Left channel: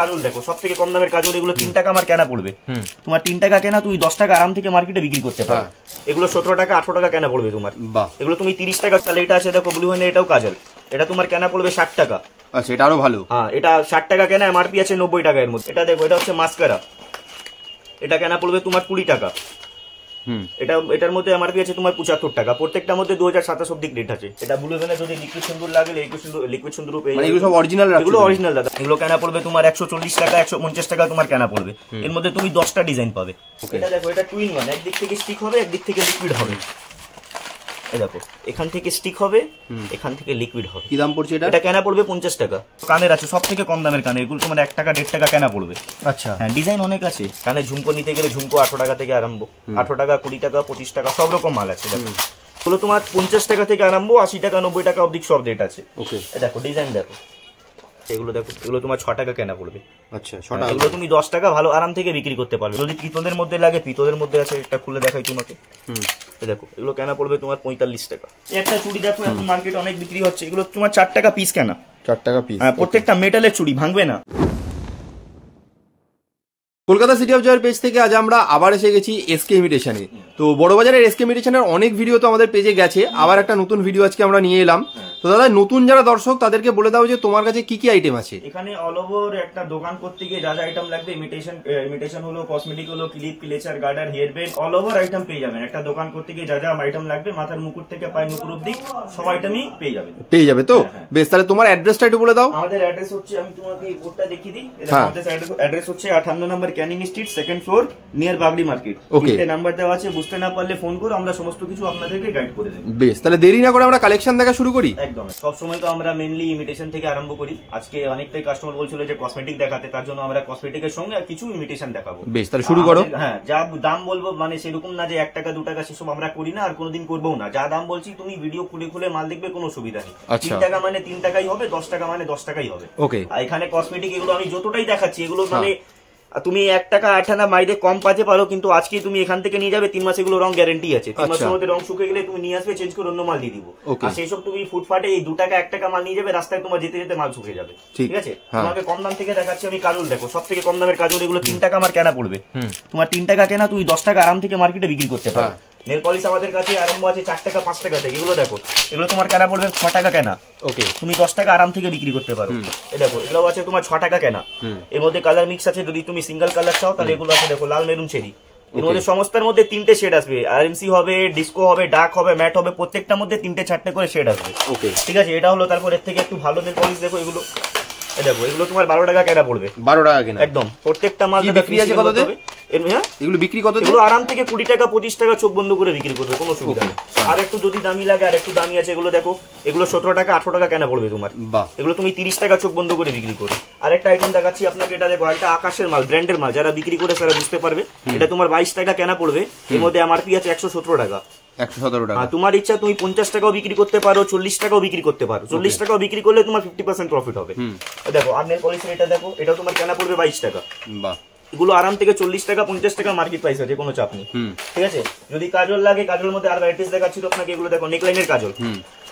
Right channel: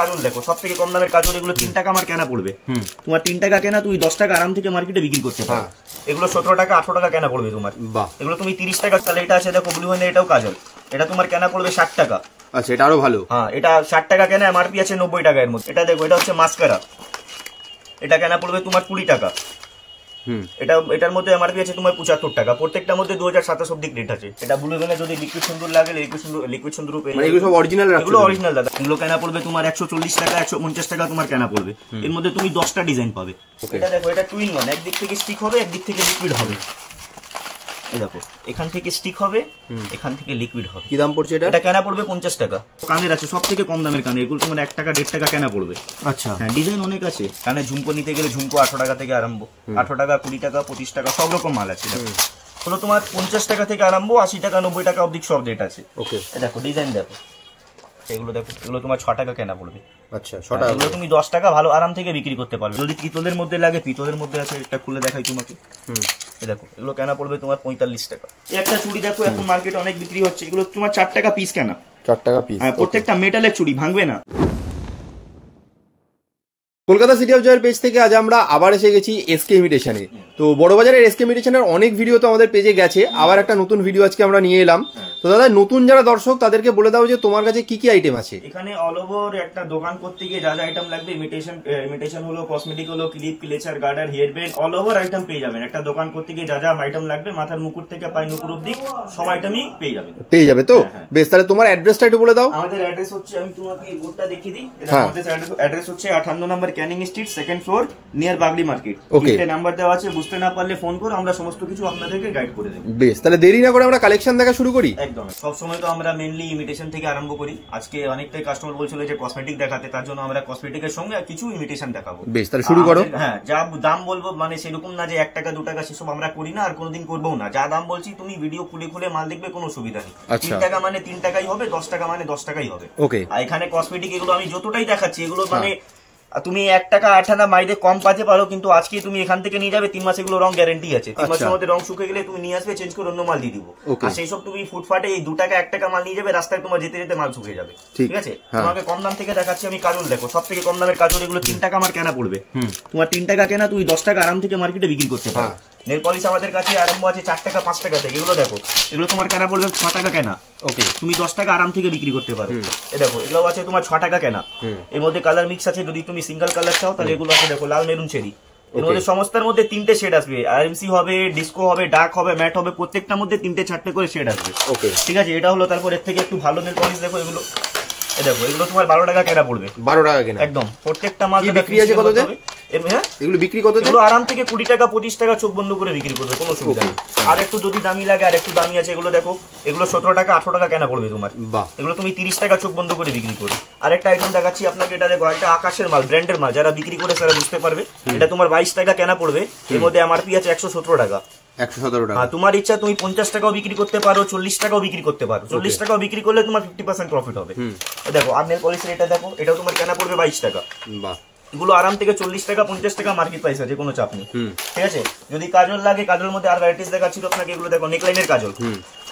কাজল দেখো, সব থেকে কম দামের কাজল, এগুলো 3 টাকা আমার কেনা পড়বে। তোমার 3 টাকা কেনা, তুমি 10 টাকা আরাম থেকে মার্কেটে বিক্রি করতে পারো। এগুলো 17 টাকা 18 টাকা কেনা পড়বে তোমার। এগুলো তুমি 30 টাকা। তাহলে এটা আছে দেখো ব্লু হেভেন, এটাও কাজল, এটা তোমার কেনা পড়বে 60 টাকা। আচ্ছা, এটা আরো ভালো। হ্যাঁ, এটা 60 টাকা কেনা, এমআরপি আছে 90 টাকা এর মধ্যে। এটা দেখো, এটা হচ্ছে মাস্কারা, এটা কেনা পড়বে তোমার 20 টাকা। এটার মধ্যে এমআরপি আছে তোমার 75 টাকা। প্রত্যেকটার মধ্যে 2027 অব্দি রেট আছে। এটা ব্লু হেভেনে যদি লিকুইড সুন্দর লাগে, লিকুইড সুন্দর পেয়ে যাবে। এগুলো সব অরিজিনাল রাখছো? এগুলো অরিজিনাল দাদা। এগুলো কেনা পড়বে তোমার 140 টাকা, 150 টাকা তোমার কেনা পড়বে। এর মধ্যে তুমি 10টা ডিজাইন পাবে। এটা দেখো, এটা 2 in 1, একদিক থেকে স্টিক হবে, একদিক থেকে লিকুইড হবে। এই দেখো, এখান থেকে স্টিক হবে, এখান থেকে লিকুইড হবে। কি দাম পড়ছে এটা? এটা কেনা পড়বে 50 টাকা। কানের আছে সব থেকে কম দামের কানে, এগুলো তোমার 1 টাকা 1.5 টাকা কেনা পড়বে। আচ্ছা, হ্যাঁ, ডিজাইন অনেক আছে। কানে ঝুমকো নিতে গেলে ঝুমকো 18 টাকা থেকে আরম্ভ, 18 টাকা 20 টাকা 25 টাকা সব রকম মাল আছে। এগুলো তোমার 50 টাকা থেকে আরম্ভ, 80 টাকা 90 টাকা অবধি সব রেট আছে। ওকে, দেখো ডিজাইন দেখো, এগুলো দেখো, এগুলো তোমার 6 টাকা কেনা পড়বে। আচ্ছা, 6 টাকা। এগুলো তুমি 10 টাকা ভালো আরাম থেকে বিক্রি করতে পারবে। যদি পিতলের মধ্যে লাগে, পিতলের মধ্যে আছে, এটা খুলে দেখাই তোমাকে। দেখো, এগুলো কেনা পড়বে তোমার 45 টাকা। একটা চুড়ি দেখো, এখন মার্কেটে অনেক বিক্রি হচ্ছে, এগুলো তোমার 4 টাকা পিস কেনা। 4 টাকা পিস। হ্যাঁ, প্রত্যেকটা মেটালের চুড়ি, ভাঙবে না। কলকাতা সিটি অফ জয়ের পেজ থেকে আজ আমরা আবার এসে গেছি এসকে ইমিটেশনে। তো বড়বাজারের এসকে ইমিটেশনের অনেক ভিডিও তো আমাদের পেজে গেছে, আবার একটা নতুন ভিডিও আজকে আমরা নিয়ে এলাম। তো দাদা, নতুন যারা দর্শক তাদেরকে বলে দাও যে তোমার কাছে কি কি আইটেম আছে। এখানে অল ওভার একটা দোকান করতে গিয়ে যা যা আইটেম লাগবে, ইমিটেশন হলো, কসমেটিক হলো, clip, clutcher, garter, hair band, all over item পেয়ে যাবেন। একটা দোকান করতে গিয়ে যা যা আইটেম লাগবে, মাথার মুকুট থেকে পায়ে নুপুর অবধি সব আইটেমই পেয়ে যাবে। পেয়ে যাবে তো? বেশ, তাহলে তোমার অ্যাড্রেসটা একটু বলে দাও। আমাদের অ্যাড্রেস হচ্ছে, আমি তোমাকে বোর্ডটা দেখিয়ে দিই। আমাদের অ্যাড্রেস হচ্ছে 58 number Canning street, second floor, near Bagree market. Okay, number দেওয়া আছে, বুঝতে না পারলে ফোন করো, আমরা সমস্ত কিছু আপনাদেরকে গাইড করে দেব। বেশ, তাহলে দেরি না করে আমরা কালেকশন দেখা শুরু করি। একদম, সব সময় তো আমরা মেইনলি ইমিটেশন থেকে আরম্ভ করি। আজকে অনেকটাই কাস্টমার বলছিল যে কসমেটিক দেখাতে, তার জন্য আমরা কসমেটিকের সঙ্গে কিছু ইমিটেশন দেখাবো। বেশ, তাহলে শুরু করো। হ্যাঁ, যা দাম বলবো, মানে সেরকম না যে 1 টাকা 2 টাকা, সেসব আমরা করি না, আর কোনোদিন করবো না। যা দাম বলছি তুমি ভিডিও খুলে খুলে মাল দেখবে, কোনো সুবিধা নেই। 3 টাকা মানে 3 টাকাই হবে, 10 টাকা মানে 10 টাকাই হবে। ওকে, আর এখানে কসমেটিক এগুলো আমি যতটাই দেখাচ্ছি, এগুলো মানে তুমি 1 টাকা 8 আনা বাইরে কম পাতে পারো, কিন্তু আজকে তুমি এখান থেকে নিয়ে যাবে, 3 মাস এগুলো রং গ্যারেন্টি আছে। 3 মাসের মধ্যে রং শুকিয়ে গেলে তুমি নিয়ে আসবে, চেঞ্জ করে অন্য মাল দিয়ে দিব। আর সেই সব তুমি ফুটপাতে এই 2 টাকা 1 টাকা মাল নিয়ে যাবে, রাস্তায় তোমার যেতে যেতে মাল শুকিয়ে যাবে। ঠিক আছে, তোমাকে কম দাম থেকে দেখাচ্ছি আমি কাজল দেখো, সব থেকে কম দামের কাজল, এগুলো 3 টাকা আমার কেনা পড়বে। তোমার 3 টাকা কেনা, তুমি 10 টাকা আরাম থেকে মার্কেটে বিক্রি করতে পারো। নেল পলিশ আমাদের কাছে আরম্ভ আছে 4 টাকা 5 টাকা থেকে। এগুলো দেখো, এগুলো তোমার কেনা পড়বে 6 টাকা কেনা। ওকে, তুমি 10 টাকা আরাম থেকে বিক্রি করতে পারো। এই দেখো, এগুলো আছে তোমার 6 টাকা কেনা। এর মধ্যে কালার মিক্স আছে, যদি তুমি সিঙ্গেল কালার চাও তাহলে এগুলো আছে দেখো, লাল, মেরুন, চেরি। এর মধ্যে সমস্তার মধ্যে 3টে শেড আসবে, আরএমসি হবে, ডিস্কো হবে, ডার্ক হবে, ম্যাট হবে, প্রত্যেকটার মধ্যে 3টে 4টে করে শেড আসবে। ওকে, ঠিক আছে, এটা হলো। তারপর এর থেকে একটু ভালো নেল পলিশ দেখো, এগুলো দেখো, এগুলো তোমার 12 টাকা কেনা পড়বে। 12 টাকা কেনা, একদম। প্রত্যেকটা মাল বিক্রি আছে কততে? এগুলো বিক্রি কত? এগুলো আরাম থেকে 20 টাকা 25 টাকা চোখ বন্ধ করে বিক্রি করবে, কোনো সুবিধা নেই। আর একটু যদি দামি লাগে, আর একটু দামি আছে, এগুলো দেখো, এগুলো 17 টাকা 18 টাকা কেনা পড়বে তোমার। এগুলো তুমি 30 টাকা চোখ বন্ধ করে বিক্রি করো। আর একটা আইটেম দেখাচ্ছি আপনাকে, এটা দেখো, একটা আকাশের মাল, ব্র্যান্ডের মাল, যারা বিক্রি করে তারা বুঝতে পারবে। এটা তোমার 22 টাকা কেনা পড়বে। এর মধ্যে এমআরপি আছে 117 টাকা। 117 টাকা। তোমার ইচ্ছা, তুমি 50 টাকাও বিক্রি করতে পারো, 40 টাকাও বিক্রি করতে পারো। 40 টাকাও বিক্রি করলে তোমার 50% প্রফিট হবে। দেখো, আর নেল পলিশের এটা দেখো, এটাও তোমার কেনা পড়বে 22 টাকা। বাহ, এগুলো আরাম থেকে 40 টাকা 50 টাকা মার্কেট প্রাইস আছে, কোনো চাপ নেই। ঠিক আছে, যদি কাজল লাগে, কাজলের মধ্যে আর ভ্যারাইটিস দেখাচ্ছি তো আপনাকে। এগুলো দেখো, নেকলাইনের কাজল,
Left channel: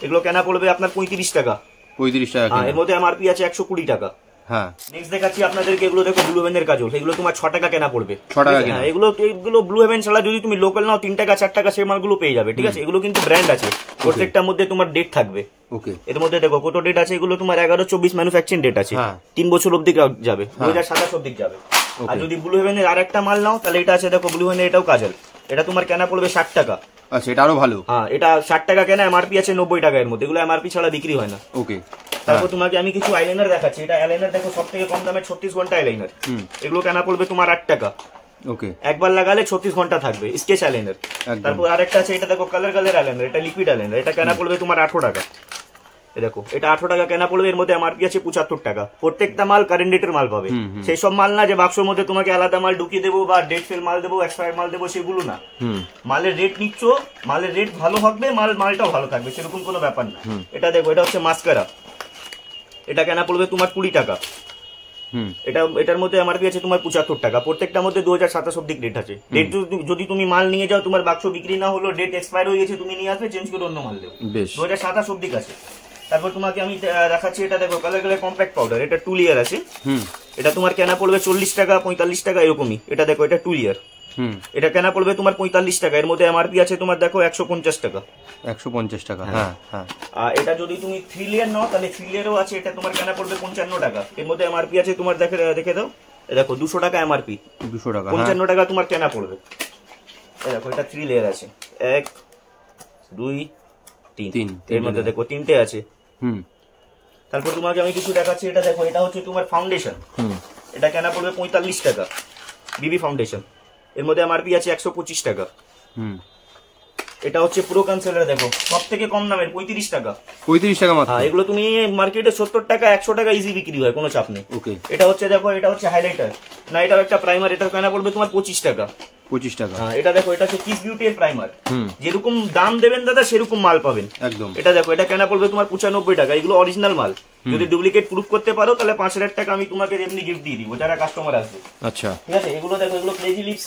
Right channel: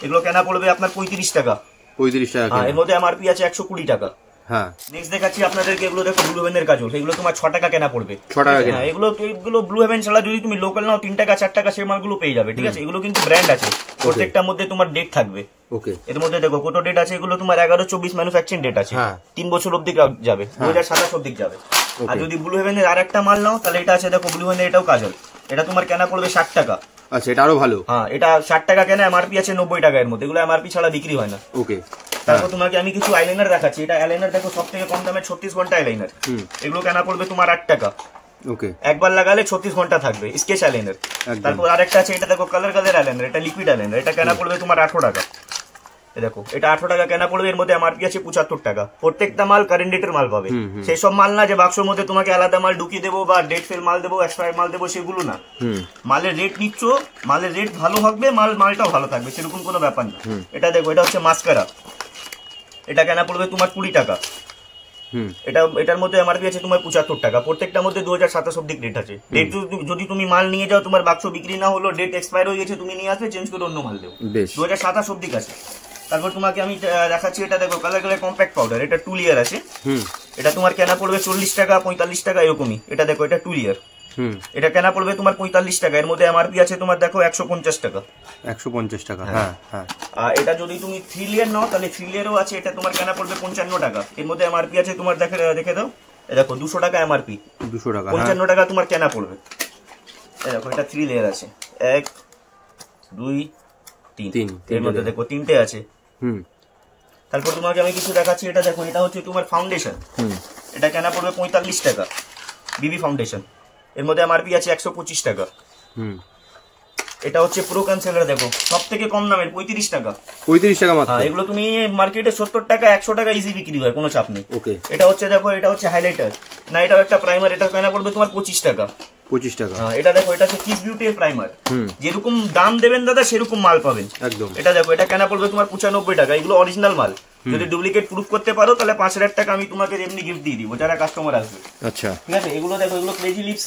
এগুলো কেনা পড়বে আপনার 35 টাকা। 35 টাকা। এর মধ্যে এমআরপি আছে 120 টাকা। হ্যাঁ, নেক্সট দেখাচ্ছি আপনাদেরকে, এগুলো দেখো, ব্লু হেভেনের কাজল, এগুলো তোমার 6 টাকা কেনা পড়বে। 6 টাকা কেনা। এগুলো ব্লু হেভেন ছাড়া যদি তুমি লোকাল নাও 3 টাকা 4 টাকা সেই মালগুলো পেয়ে যাবে। ঠিক আছে, এগুলো কিন্তু ব্র্যান্ড আছে, প্রত্যেকটার মধ্যে তোমার ডেট থাকবে। ওকে, এর মধ্যে দেখো কত ডেট আছে, এগুলো তোমার 11-24 ম্যানুফ্যাকচারিং ডেট আছে, 3 বছর অবধি যাবে, 2027 অবধি যাবে। আর যদি ব্লু হেভেনের আর একটা মাল নাও, তাহলে এটা আছে দেখো, ব্লু হেভেনের এটাও কাজল, এটা তোমার কেনা পড়বে 60 টাকা। আচ্ছা, এটা আরো ভালো। হ্যাঁ, এটা 60 টাকা কেনা, এমআরপি আছে 90 টাকা। এর মধ্যে এগুলো এমআরপি ছাড়া বিক্রি হয় না। ওকে, তারপর তোমাকে আমি কিছু আইলাইনার দেখাচ্ছি। এটা আইলাইনার দেখো, সব থেকে কম দামে 36 ঘন্টা আইলাইনার। এগুলো কেনা পড়বে তোমার 8 টাকা। ওকে, একবার লাগালে 36 ঘন্টা থাকবে, স্কেচ আইলাইনার। তারপর আরেকটা আছে, এটা দেখো, কালার আইলাইনার, এটা লিকুইড আইলাইনার, এটা কেনা পড়বে তোমার 18 টাকা। দেখো, এটা 18 টাকা কেনা পড়বে। এর মধ্যে এমআরপি আছে 75 টাকা। প্রত্যেকটা মাল কারেন্ট ডেটের মাল পাবে। সেই সব মাল না যে বাক্সের মধ্যে তোমাকে আলাদা মাল ঢুকিয়ে দেবো বা ডেট ফেল মাল দেবো, এক্সপায়ার মাল দেবো, সেগুলো না। মালের রেট নিচ্ছ, মালের রেট ভালো হবে, মালটাও ভালো থাকবে, সেরকম কোনো ব্যাপার না। এটা দেখো, এটা হচ্ছে মাস্কারা, এটা কেনা পড়বে তোমার 20 টাকা। এটার মধ্যে এমআরপি আছে তোমার 75 টাকা। প্রত্যেকটার মধ্যে 2027 অব্দি রেট আছে। ডেট যদি তুমি মাল নিয়ে যাও, তোমার বাক্স বিক্রি না হলো, ডেট এক্সপায়ার হয়ে গেছে, তুমি নিয়ে আসবে, চেঞ্জ করে অন্য মাল দেবো। 2027 অব্দি আছে। তারপর তোমাকে আমি দেখাচ্ছি, এটা দেখো কালার কালার কম্প্যাক্ট পাউডার, এটা 2 লেয়ার আছে। এটা তোমার কেনা পড়বে 40 টাকা 45 টাকা এরকমই। এটা দেখো এটা 2 লেয়ার, এটা কেনা পড়বে তোমার 45 টাকা। এর মধ্যে এমআরপি আছে তোমার দেখো 150 টাকা। 150 টাকা, হ্যাঁ হ্যাঁ। আর এটা যদি তুমি 3 লেয়ার নাও তাহলে 3 লেয়ারও আছে, এটা তোমার কেনা পড়বে 55 টাকা। এর মধ্যে এমআরপি আছে তোমার দেখে দাও, দেখো 200 টাকা এমআরপি, 200 টাকা, 55 টাকা তোমার কেনা পড়বে। এই দেখো এটা 3 লেয়ার আছে, 1 2 3, এর মধ্যে দেখো 3টে আছে। তারপর তোমাকে আমি কিছু দেখাচ্ছি, এটা দেখো এটা হচ্ছে তোমার ফাউন্ডেশন, এটা কেনা পড়বে 45 টাকা, বিবি ফাউন্ডেশন। এর মধ্যে এমআরপি আছে 125 টাকা। এটা হচ্ছে প্রো কনসিলার, দেখো সব থেকে কম দামের 35 টাকা। 35 টাকা মাত্র। এগুলো তুমি মার্কেটে 70 টাকা 100 টাকা ইজি বিক্রি হয়, কোনো চাপ নেই। ওকে, এটা হচ্ছে দেখো এটা হচ্ছে হাইলাইটার, না এটাও একটা প্রাইমার, এটা কেনা পড়বে তোমার 25 টাকা। 25 টাকা। এটা দেখো এটা হচ্ছে কিস বিউটি এর প্রাইমার, যেরকম দাম দেবেন দাদা সেরকম মাল পাবেন একদম। এটা দেখো এটা কেনা পড়বে তোমার 95 টাকা। এগুলো অরিজিনাল মাল, যদি ডুপ্লিকেট প্রুফ করতে পারো তাহলে 5000 টাকা আমি তোমাকে এমনি গিফট দিয়ে দিব যারা কাস্টমার আসবে। আচ্ছা, ঠিক আছে। এগুলো দেখো এগুলো ক্রেজি লিপস,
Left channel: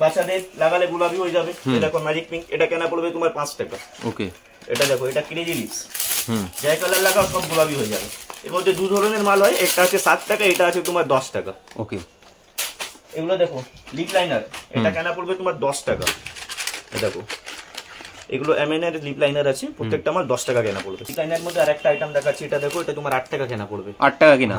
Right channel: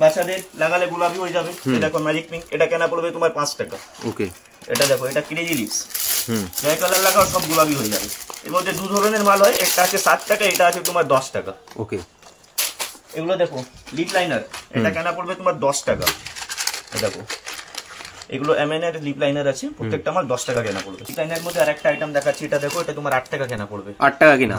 বাচ্চাদের লাগালে গোলাপি হয়ে যাবে। দেখো ম্যাজিক পিঙ্ক, এটা কেনা পড়বে তোমার 5 টাকা। ওকে, এটা দেখো এটা ক্রেজি লিপস, যে কালার লাগাও সব গোলাপি হয়ে যাবে। এর মধ্যে 2 ধরনের মাল হয়, একটা আছে 7 টাকা, এটা আছে তোমার 10 টাকা। ওকে, এগুলো দেখো লিপ লাইনার, এটা কেনা পড়বে তোমার 10 টাকা। দেখো এগুলো এমএন এর লিপ লাইনার আছে, প্রত্যেকটা মাল 10 টাকা কেনা পড়বে। লিপ লাইনার মধ্যে আরেকটা আইটেম দেখাচ্ছি, এটা দেখো এটা তোমার 8 টাকা কেনা পড়বে। 8 টাকা কিনা?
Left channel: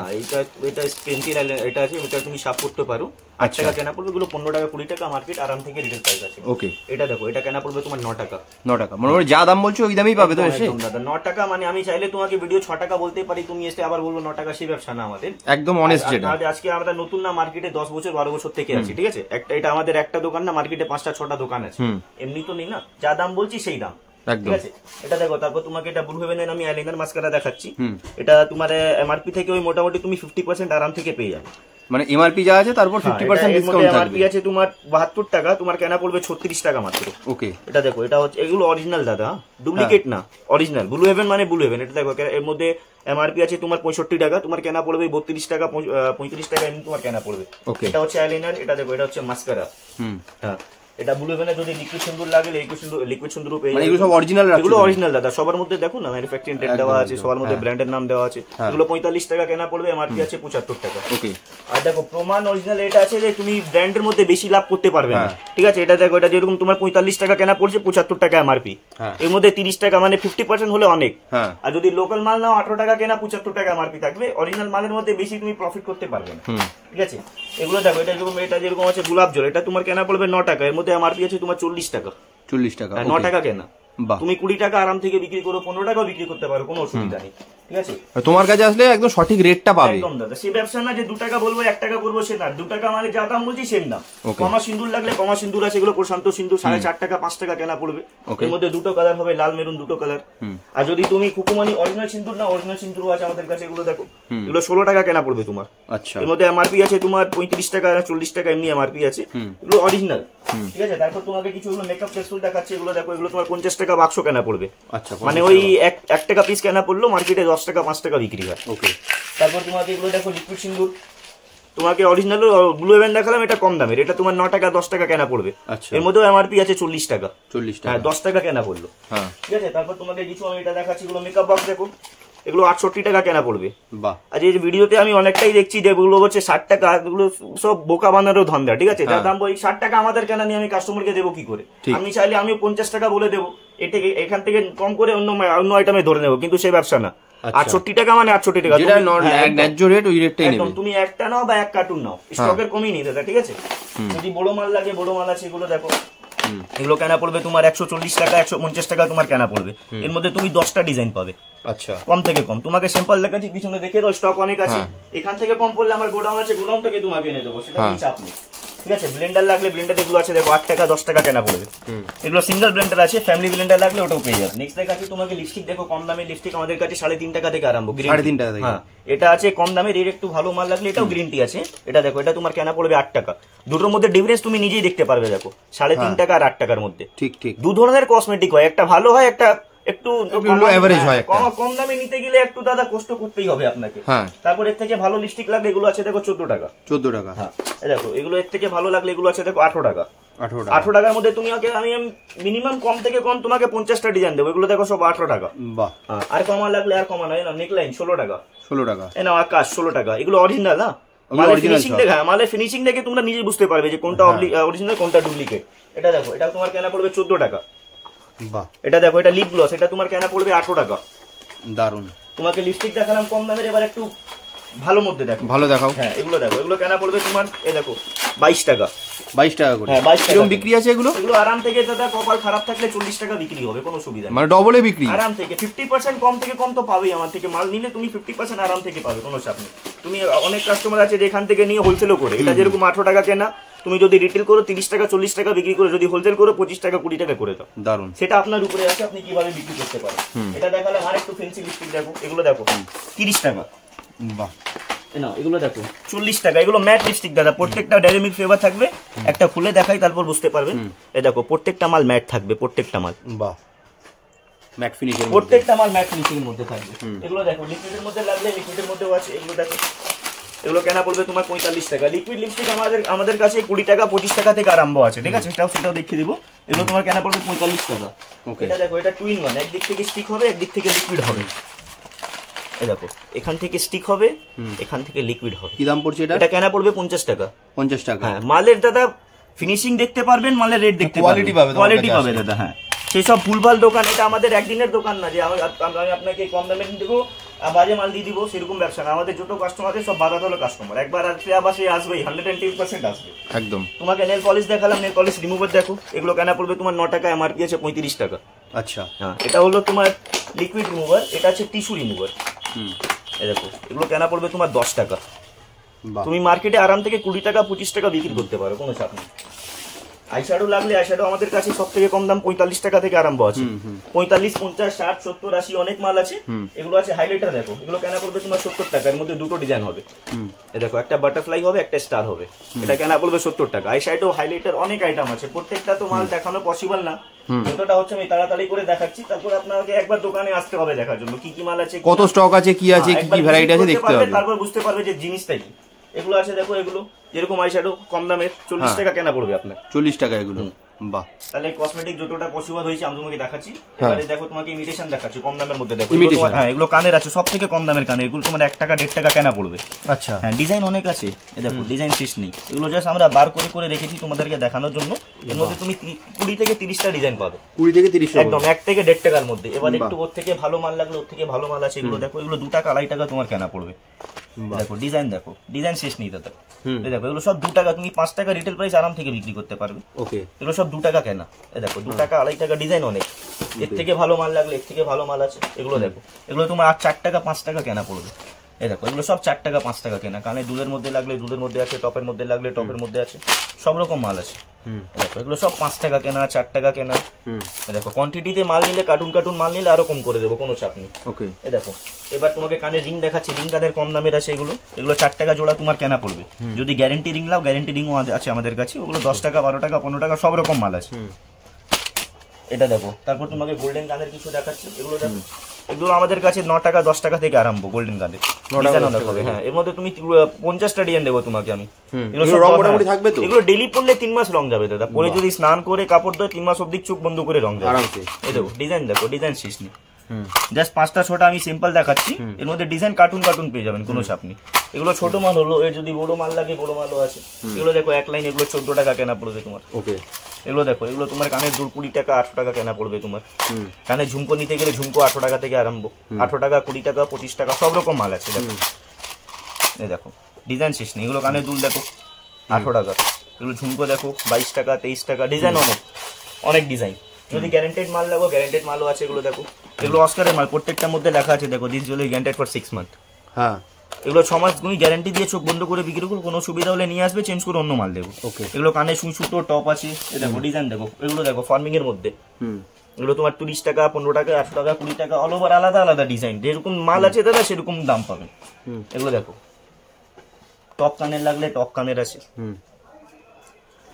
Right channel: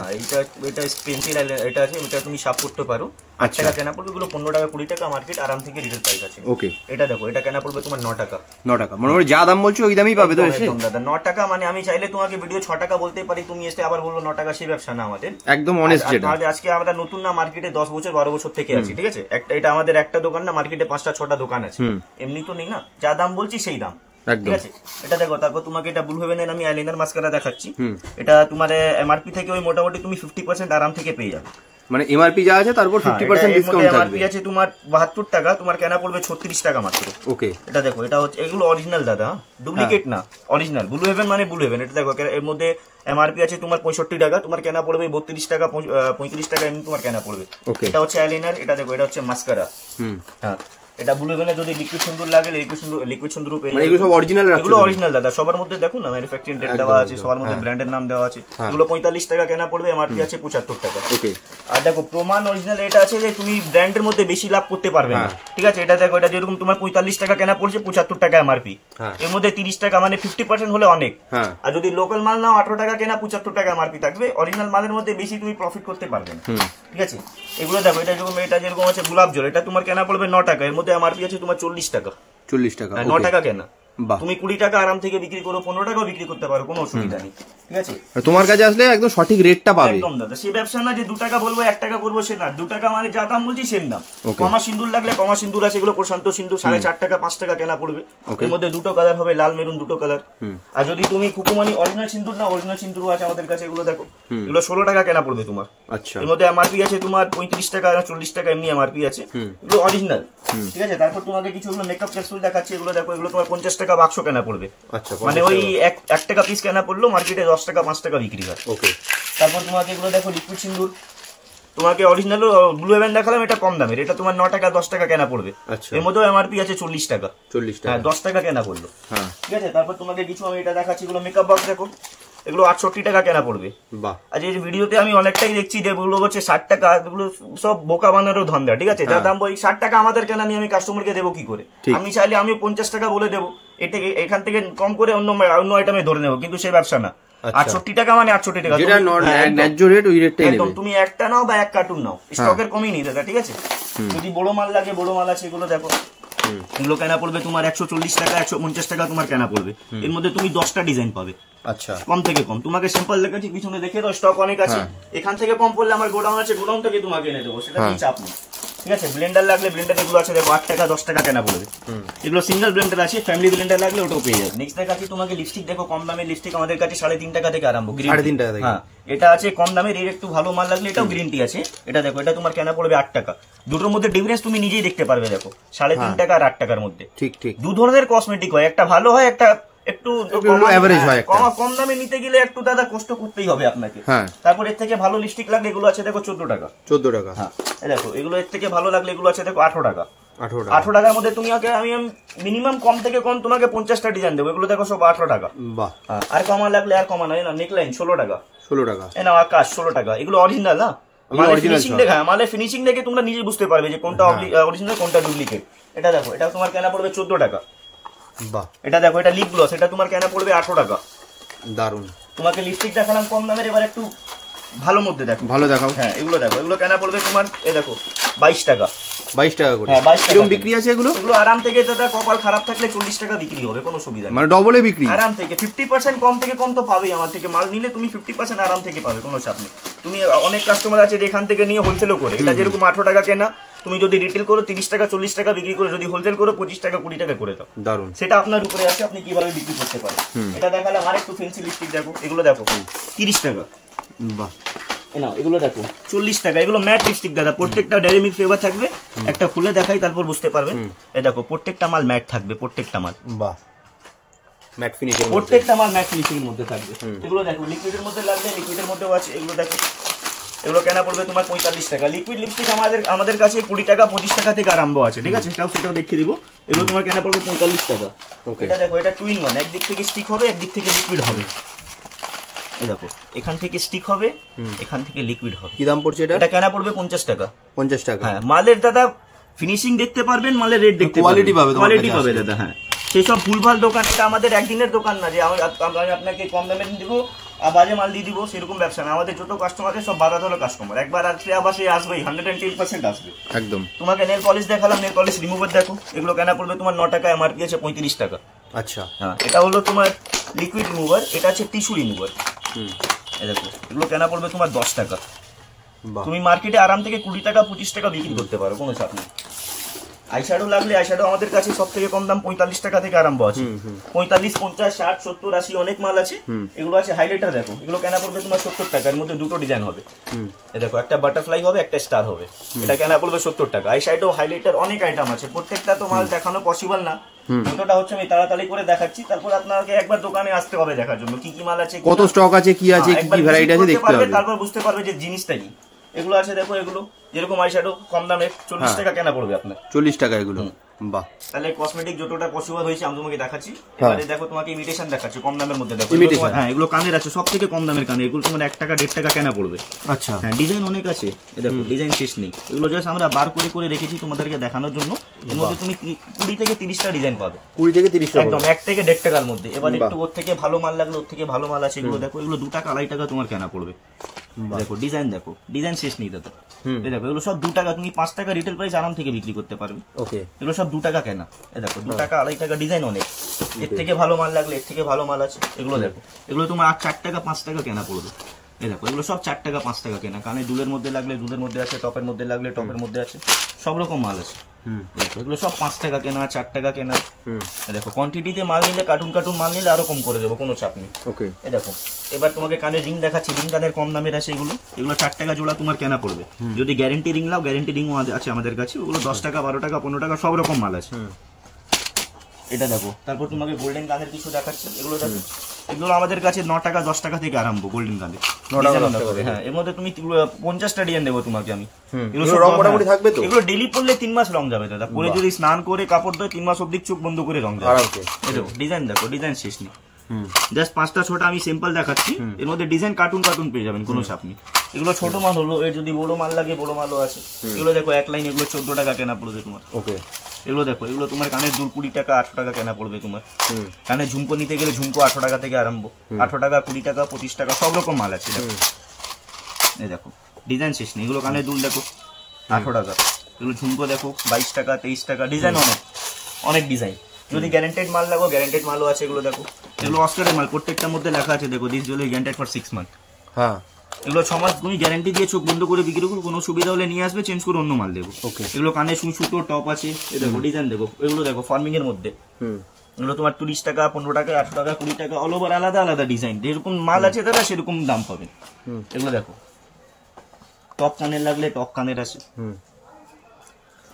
এটা পেন্সিল এটা আছে, এটা তুমি শার্প করতে পারো, 8 টাকা কেনা পড়বে। এগুলো 15 টাকা 20 টাকা মার্কেট আরাম থেকে রিটেল প্রাইস আছে। ওকে, এটা দেখো এটা কেনা পড়বে তোমার 9 টাকা। 9 টাকা মানে যা দাম বলছো ওই দামই পাবে তো এসে? দাদা 9 টাকা মানে আমি চাইলে তোমাকে ভিডিও 6 টাকা বলতে পারি, তুমি এসে আবার বলবো 9 টাকা, সেই ব্যবসা না আমাদের, একদম অনেস্ট। যেটা আজকে আমরা নতুন না, মার্কেটে 10 বছর 12 বছর থেকে আছি। ঠিক আছে, এটা আমাদের একটা দোকান না, মার্কেটে 5টা 6টা দোকান আছে, এমনি তো নেই না। যা দাম বলছি সেই দাম। ঠিক আছে, এটা দেখো। তারপর তোমাকে এটা ব্লু হেভেনের আমি আইলাইনার মাস্কারা দেখাচ্ছি। এটা তোমার এমআরপি থেকে ওই মোটামুটি তুমি 50% আরাম থেকে পেয়ে যাবে। মানে এমআরপি যা আছে তারপর 50% ডিসকাউন্ট থাকবে। এমআরপি আছে তোমার 72 টাকা, তোমার কেনা পড়বে 36 টাকা মাত্র। ওকে, এটা দেখো এটা হচ্ছে এগুলো অরিজিনাল দাদা, ডুপ্লিকেট না, অরিজিনাল ব্লু হেভেন মানে ব্লু হেভেন। এটা দেখো এর মধ্যে এমআরপি আছে তোমার 65 টাকা, তোমার কেনা পড়বে 32 টাকা 35 টাকা এমনি তোমার কেনা পড়বে। এটা হচ্ছে আইলাইনার, এটা দেখো এটা হচ্ছে মাস্কারা। হ্যাঁ, এটা ব্লু হেভেনে যদি লিকুইড সিন্দুর লাগে, লিকুইড সিন্দুর পেয়ে যাবে। এগুলো সব অরিজিনাল রাখছো? এগুলো অরিজিনাল দাদা, সবার মধ্যে দেখো না ম্যানুফ্যাকচারিং ডেট দেওয়া আছে, সবার মধ্যে ব্র্যান্ডের নাম দেওয়া আছে। এগুলো 45 টাকা কেনা পড়বে, এমআরপি আছে 75 টাকা। ওকে, আর দেখো প্রমাণ অরিজিনাল এটা আছে যে তুমি ব্র্যান্ডের মধ্যে বেশি লাভ করতে পারবে না। ঠিক আছে, এটা দেখো এটা যেরকম তোমার 45 টাকা কেনা পড়ছে, 75 টাকা এমআরপি, এর মধ্যে 30 টাকা মানে 50% হলে অনেক। আর যদি লোকাল মাল নাও 18 টাকা কেনা, 75 টাকা এমআরপি থাকবে। অরিজিনাল মালের মধ্যে বেশি তুমি প্রফিট করতে পারবে না। ঠিক আছে, এগুলো দেখো এটা যেরকম আছে গোলাপ জল, এটা তোমার কেনা পড়বে 9 টাকা, এর মধ্যে এমআরপি আছে তোমার 40 টাকা। 40 টাকা, 9 টাকা কেনা। তুমি 20 টাকা আরাম থেকে বিক্রি করো, 15 টাকাও বিক্রি করতে পারো, কোনো অসুবিধা নেই। ঠিক আছে, তোমার কাছে আসলে একদম সঠিক রেটটা পাবে একদম দাদা। সেই ব্যবসা না যে 2 টাকা বলবো 1 টাকা করবো, সে না। 2 টাকা মানে যা দাম বলছি সেম দাম। কমা সিন্দুর লাগলে কমা সিন্দুর আছে, এগুলো প্রশান্ত সিন্দুর 4.5 টাকা 5 টাকা কেনা পড়বে। এর মধ্যে 2টো কালার হবে, লাল মেরুন 2টো কালার। আর যদি তুমি কুকুমানি অরিজিনাল সিন্দুর না, অরিজিনাল সিন্দুর আছে আমাদের কাছে, এগুলো দেখো এগুলো 16 টাকা কেনা পড়বে তোমার। আচ্ছা, এর মধ্যে এমআরপি আছে তোমার 35 টাকা 40 টাকা এমনি এমআরপি আছে, এগুলো অরিজিনাল। ঠিক আছে, তারপর তোমাকে কিছু মেকআপ ক্যাপসুল দেখাচ্ছি, এগুলো দেখো এগুলো তোমার 50 টাকা বাক্স কেনা পড়বে। আচ্ছা, মানে ওই 1 টাকা পিস কেনা পড়লো, মার্কেটে 10 টাকা 5 টাকা বিক্রি হয়। ওকে, তারপর তোমাকে এগুলো দেখো লিকুইড সিন্দুর, তোমাকে অরিজিনাল ব্লু হেভেন দেখালাম, এটা কম দামের, এটা তোমার 9 টাকা 10 টাকা কেনা পড়বে। এর মধ্যে এমআরপি আছে 40 টাকা। 40 টাকা, 10 টাকা কেনা পড়লো। ঠিক আছে, তারপর তোমাকে কিছু আমি এটা দেখাচ্ছি, এগুলো মেকআপ বক্স দেখো, এগুলো 68 টাকা কেনা পড়বে। আর এই ভিডিওতে আমি অনেকটাই দেখছি যে এগুলো হচ্ছে 60 টাকা, এগুলো সব বোকা বানানোর ধান্দা। ঠিক আছে, যা দাম বলি 60 টাকা আমাদের কেনা নিয়ে আমি কাস্টমারকে দেবো কি করে? আমি চাইলে আমি 50 টাকা বলে দেবো, এখান থেকে কম করে অন্য আইটেমে ধরে নেবো, কিন্তু সেই ব্যবসা না। 68 টাকা মানে 68 টাকা, যেটা ন্যায্য রেট ওই রেটটাই নেবে। তুমি একটা নাও বা 1 কার্টুন নাও, স্টকের কমই নেই দাদা। ঠিক আছে, যদি বড় মাল লাগে বড় মাল আছে, এগুলো দেখো এগুলো কেনা পড়বে তোমার 140 টাকা 150 টাকা তোমার কেনা পড়বে। এর মধ্যে তুমি 10টা ডিজাইন পাবে। আচ্ছা, কম থেকে কম। তোমাকে সিম্পল দেখাচ্ছি, পিছনে দেখে দাও, স্টক অনেক আছে। এখান থেকে কম পড়লে আমার গোডাউন আছে, গোডাউন থেকে তোমাকে এনে দেবো, সেটা কোনো চাপ নেই। ঠিক আছে, ব্লেন্ডার লাগলে ব্লেন্ডার এগুলো আছে দেখো 8 টাকা 10 টাকা কেনা পড়বে। এগুলো সিঙ্গেল ব্লেন্ডার আছে, ফ্যামিলি ব্লেন্ডার লাগলে ওটাও পেয়ে যাবে। নেক্সট দেখাচ্ছি তোমাকে লিপস্টিক, দেখো কম দামের লিপস্টিক আমাদের কাছে 3.5 টাকা থেকে আরম্ভ। 3.5 টাকা থেকে, হ্যাঁ এটা আছে কম দামের। এর একটু ভালো মাল লাগলে এটাও গ্রিন টি আছে। এটা দেখো এটা তোমার কেনা পড়বে 8 টাকা। দুটোর মধ্যে ডিফারেন্স তুমি নিজেই দেখতে পারবে, দেখো 3.5 টাকা আর 8 টাকার মধ্যে। ঠিক ঠিক, 2 ধরনের কসমেটিক হয়, একটা ভালো হয়, একটা একটু এভারেজ হয়। কম দামে নিতে গেলে একটু দাদা কষ্ট করতেই হবে আপনাকে। তারপর এর থেকে ভালো লিপস্টিক লাগলে এগুলো আছে দেখো 14 টাকা। 14 টাকা, হ্যাঁ দেখো এগুলো এর থেকে ভালো লাগলে এগুলো আছে দেখো 18 টাকা। 18 টাকার মধ্যে তুমি আমি মিনিমাম কম থেকে কম তোমাকে 50টা ডিজাইন দেবো। এগুলো দেখো সব 18 টাকা। বাহ, আর কমা লাগলে আর কমা নাই না। নেকলাইন 16 টাকা। 16 টাকা। এই না আকাশ 16 টাকা। এগুলো অরিজিনাল না, মালে ফিনিশিং দেখে তোমরা নিজে বুঝতে পারবে যে কোনটা অরিজিনাল কোনটা ডুপ্লিকেট। এটা দেখো, এটা তোমার কেনা পড়বে 14 টাকা। বাহ, এটা দেখো, এটা লিপ গ্লস, এটা তোমার কেনা পড়বে 18 টাকা। দারুন। তোমাকে লিপস্টিক দেখালাম কম দামের, এবার একটু ভালো মধ্যে দেখো। ভালো দেখাও। হ্যাঁ এগুলো দেখো, এগুলো কেনা পড়বে তোমার এই দেখো 22 টাকা। 22 টাকা করে। হ্যাঁ 22 টাকা বিক্রি আছে এগুলো। এগুলো আরাম থেকে দাদা কপাল খারাপ থাকলে 40 টাকা বিক্রি হবে, কোনো সুবিধা নেই। মানে ডবলে বিক্রি আরাম থেকে। 50% কম থেকে কম তো পাবেই আমার থেকে। মাল নিলে তুমি 50% আরাম থেকে পাবে, কোনো চাপ নেই। তুমি অনেক কাস্টমার আছে যেখান থেকে নিয়ে হোলসেলও করে। এটা যেরকম 18 টাকা কেনা, তুমি যদি রিটেল করো 30 টাকা 40 টাকা বিক্রি করে, যদি হোলসেল করো 25 টাকা 20 টাকা করে দাও। দারুন। সেটা আপনার উপরে আছে, আপনি কিভাবে বিক্রি করতে পারেন। এটা দেখালাম। আর একটু ফেন্সি লিপস্টিক দেখো, এগুলো দেখো 30 টাকা। বাহ, না এগুলো দেখো 40 টাকা। এগুলো ম্যাট লিপস্টিক দাদা, প্রত্যেকটা ডেইরি মিল্ক ফ্লেভার থাকবে। একটা খুলে দেখাই তারপর বুঝতে পারবেন। এই দেখো প্রত্যেকটা মাল ম্যাট থাকবে, প্রত্যেকটা মাল। বাহ, ম্যাট ফিনিশিং, প্রত্যেকটা মাল ম্যাট ফিনিশিং এর মধ্যে থাকবে। এগুলো দেখো লিকুইডের মধ্যে লাগবে, লিকুইডের মধ্যেও আছে। এগুলো দেখো, এগুলো কেনা পড়বে তোমার 45 টাকা। লিকুইড লিপস্টিক আমাদের কাছে 20 টাকা 25 টাকা থেকে আরম্ভ আছে, ঠিক আছে? সেটাও দেখিয়ে দিব। এগুলো তোমার কেনা পড়বে 45 টাকা। এটা দেখো, এটা টু ইন ওয়ান, একদিক থেকে স্টিক হবে, একদিক থেকে লিকুইড হবে। এই দেখো, এখান থেকে স্টিক হবে, এখান থেকে লিকুইড হবে। কি দাম পড়ছে এটা? এটা কেনা পড়বে 50 টাকা। 50 টাকা। হ্যাঁ, মালের দাদা ফিনিশিং দেখতে পারবেন, মালের রেট দেখতে পারবেন, কোয়ালিটি পাবে, কোয়ালিটি পাবে দাদা। হ্যাঁ, সেসব ভুলভাল দোকান, এটা আমাদের একদিনের দোকান না যে আমি আপনাকে কম দামে দেবো আর বাজে মাল দিয়ে দিব, সেরকম ব্যবসা না। আমাদের যত কাস্টমার আছে সব বাধা হলো কাস্টমার। একবার আসলে আবার সে আসবেই, 110% আসবে একদম। তোমাকে নেল পলিশ দেখালাম, নেল পলিশ রিমুভার দেখো। এগুলো কেনা পড়বে তোমার 9 টাকা, এমআরপি আছে 35 টাকা। আচ্ছা, হ্যাঁ, এটা হলো তোমার লিকুইড রিমুভার, এটা হচ্ছে টিস্যু রিমুভার। এই দেখো, এগুলো কেনা পড়বে তোমার 10 টাকা। তুমি মার্কেটে আরাম থেকে 20 টাকা 25 টাকা বিক্রি করতে পারো, কোনো চাপ নেই। আইশ্যাডো লাগলে আইশ্যাডো আমাদের কাছে সব থেকে কম দাম 45 টাকা থেকে আরম্ভ আছে। 45, 50, 60, 70, 80 অনেক মাল আছে। এগুলো আছে। হাইলাইটার দেখো, এগুলো কেনা পড়বে তোমার 70 টাকা। এর মধ্যে দুটো ডিজাইন হবে। এই দেখো, একটা বাটারফ্লাই হবে, একটা স্টার হবে। এটা কেনা পড়বে 70 টাকা। আইশ্যাডো, হাইলাইটার অনেক আইটেম আছে। প্রত্যেকটা তো মাল দেখানো পসিবল না। ভিডিওটা হচ্ছে আমি তাড়াতাড়ি করে দেখাচ্ছি, তারপর আপনাকে একবার দোকানে আসতে হবে দেখার জন্য কি কি মাল আছে, কত স্টক আছে, কি আছে, কি কি ভ্যারাইটি আছে দেখতে হবে, তারপর বুঝতে পারবে যে জিনিসটা কি। এগুলো আছে দেখো, এগুলো যেরকম আইশ্যাডো কম দামে 40 টাকা কেনা পড়বে আপনার। 40 টাকা এগুলো। বাহ, তাহলে কসমেটিক যতটা পসিবল হয়েছে আমি তোমাকে দেখাচ্ছি। এবারে দেখো, তোমাকে ইমিটেশন দেখাচ্ছি কম দামের মধ্যে। দেখো, হ্যাঁ, এগুলো কানের আছে, সব থেকে কম দামের কানে। এগুলো তোমার 1 টাকা 1.5 টাকা কেনা পড়বে। আচ্ছা, হ্যাঁ, ডিজাইন অনেক আছে। এই দেখো, ডিজাইন শেষ নেই। এগুলো জাস্ট আমরা বার করে করে রেখেছি তোমাদেরকে দেখানোর জন্য। এর মধ্যে তুমি 20 থেকে 30টা ডিজাইন পাবে। 20 থেকে 30 একদম 1 থেকে 1.5 টাকার মধ্যে। এবার একটু ওর থেকে ভালো মাল লাগলে ওর থেকে ভালো মাল আছে। এগুলো দেখো, এগুলো 2 টাকা 2.5 টাকা তোমার কেনা পড়বে। দেখো ডিজাইন, দেখো ডিজাইন শেষ নেই দাদা। এই দেখো, এগুলো সব 2 টাকা। তুমি 5 টাকা রিটেল প্রাইস আরাম থেকে বিক্রি করতে পারবে। ওকে, এগুলো সব 2 টাকা কেনা। এই দেখো, 2 টাকা 2.5 টাকা ডিজাইন অনেক। এর থেকে ভালো মাল লাগলে এর থেকে ভালো মাল আছে। এগুলো দেখো, এগুলো তোমার 4 টাকা 5 টাকা কেনা পড়বে। এই দেখো, এগুলো সব 4 টাকা 5 টাকা কেনা। কানে দুলের মধ্যে লাগলে দুলের মধ্যে আছে, টপের মধ্যে লাগলে টপের মধ্যে আছে, সব রকম মাল আছে। দেখো, এগুলো সব 5 টাকা কেনা, 4 টাকা কেনা। দেখো, কোয়ান্টিটিতে মাল নিলে, কার্টুন কার্টুন মাল নিলে আরো কম করে দেবো, কোনো চাপ নেই। ওকে, এই দেখো, এবার তোমাকে কানের রিং দেখাচ্ছি। রিং কানের কম দামের আছে। এগুলো 4 টাকা জোড়া তোমার কেনা পড়বে। যদি গ্যারেন্টি রিং নাও, গ্যারেন্টি রিংও আছে আমাদের কাছে। ওগুলো 10 টাকা 12 টাকা 15 টাকা সব রকম মাল আছে। এটা দেখো, তারপর তোমাকে গোল্ডেন কানের কিছু দেখাচ্ছি। এগুলো দেখো, এগুলো আমাদের কাছে 9 টাকা 10 টাকা থেকে আরম্ভ। গোল্ডেন কানের 9 টাকা 10 টাকা। হ্যাঁ, এর মধ্যে তুমি 50টা ডিজাইন দেবো তোমাকে আমি। এগুলো রং মোটামুটি থাকবে তো? এগুলো ডেইলি পরলে 3 মাস রং যাবে দাদা। পরে যদি স্নান করে কাপড় দেয় 3 মাস অবধি চোখ বন্ধ করে রং যাবে। এই দেখো, ডিজাইন দেখো, ডিজাইন শেষ নেই। জাস্ট 5টা 6টা আমি সিম্পল দেখাচ্ছি। এর মধ্যে ডিজাইন কার্টুন কার্টুন পেয়ে যাবেন, কোনো চাপ নেই। এগুলো ছোট মাল হলো। এর যদি বড় মাল লাগে, বড় মালও আছে। এগুলো দেখো, এক লাইন, এগুলো 14 টাকা কেনা পড়বে তোমার। ওকে, এগুলো দেখো, এগুলো তোমার কানের দুল 20 টাকা 8 টাকা কেনা পড়বে তোমার। কানে ঝুমকো নিতে গেলে ঝুমকো 8 টাকা থেকে আরম্ভ। 8 টাকা 20 টাকা 25 টাকা সব রকম মাল আছে। দেখো, এই দেখো, ডিজাইন শেষ নেই। এগুলো কানের দুল দেখো 8 টাকা। এগুলো ঝুমকো দেখো 22 টাকা 23 টাকা। ডিজাইন অনেক ডিজাইন। যদি গ্যারান্টেড মাল লাগো, গ্যারান্টেড মালও আছে। এগুলো দেখো, এগুলো অস্কারের মাল, প্রত্যেকটার মধ্যে লেখা আছে। দেখো, this jewellery guaranteed for 6 month. হ্যাঁ, এগুলো 6 মাস তুমি গ্যারান্টি দিয়ে চোখ বন্ধ করে বিক্রি করো। কোনো সুবিধা হলে নিয়ে আসবে, চেঞ্জ করে অন্য মাল দেবো। ওকে, এগুলো কানে সুতো টপ আছে। দেখো, ডিজাইন দেখো, এগুলো দেখো ফার্মিং এর মধ্যে। এগুলো তোমার 30 টাকা 15 টাকা 8 টাকা 20 টাকা অল ওভার আলাদা আলাদা ডিজাইন। যেরকম মাল আছে দাদা সেরকম দাম পাবেন। এগুলো দেখো, টপ কানের লাগলে টপ কানের আছে।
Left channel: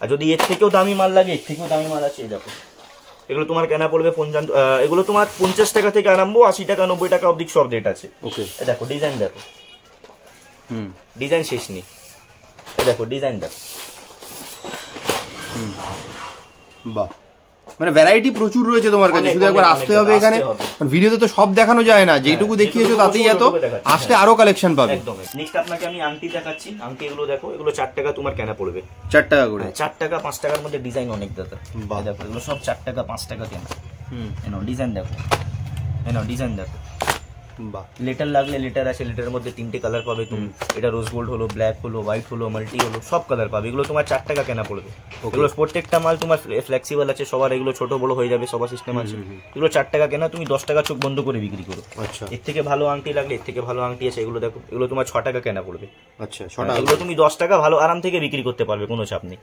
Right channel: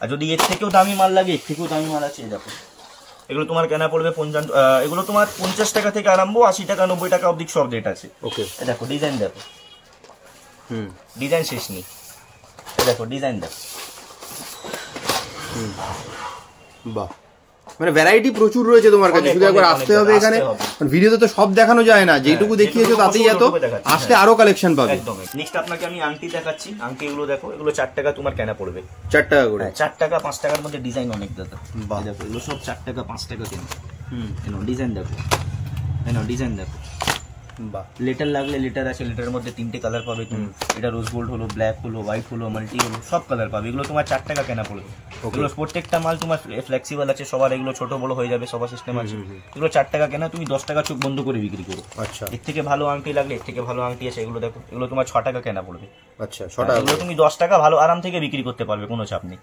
আর যদি এর থেকেও দামি মাল লাগে, এর থেকেও দামি মাল আছে। দেখো, এগুলো তোমার কেনা পড়বে 50। এগুলো তোমার 50 টাকা থেকে আরম্ভ, 80 টাকা 90 টাকা অবধি সব রেট আছে। ওকে, দেখো ডিজাইন দেখো, ডিজাইন শেষ নেই। দেখো, ডিজাইন দেখো, বাহ, মানে ভ্যারাইটি প্রচুর রয়েছে তোমার কাছে, শুধু একবার আসতে হবে এখানে। ভিডিওতে তো সব দেখানো যায় না, যেটুকু দেখিয়েছো তাতেই এত, আসলে আরো কালেকশন পাবে। একদম। নেক্সট আপনাকে আমি আংটি দেখাচ্ছি। আংটি এগুলো দেখো, এগুলো 4 টাকা তোমার কেনা পড়বে। 4 টাকা করে? 4 টাকা 5 টাকার মধ্যে ডিজাইন অনেক দাদা। দেখো এগুলো সব 4 টাকা 5 টাকা কেনা। এনো ডিজাইন দেখো, এনো ডিজাইন দেখো। বাহ, লেটার লাগলে লেটার আছে, লেটারের মধ্যে 3টে কালার পাবে তুমি। এটা রোজ গোল্ড হলো, ব্ল্যাক হলো, হোয়াইট হলো, মাল্টি হলো, সব কালার পাবে। এগুলো তোমার 4 টাকা কেনা পড়বে। এগুলো প্রত্যেকটা মাল তোমার ফ্লেক্সিবল আছে, সবার এগুলো ছোট বড় হয়ে যাবে, সবার সিস্টেম আছে। এগুলো 4 টাকা কেনা, তুমি 10 টাকা চোখ বন্ধ করে বিক্রি করো। আচ্ছা, এর থেকে ভালো আংটি লাগলে এর থেকে ভালো আংটি আছে, এগুলো দেখো। এগুলো তোমার 6 টাকা কেনা পড়বে। আচ্ছা, 6 টাকা। এগুলো তুমি 10 টাকা ভালো আরাম থেকে বিক্রি করতে পারবে, কোনো চাপ নেই।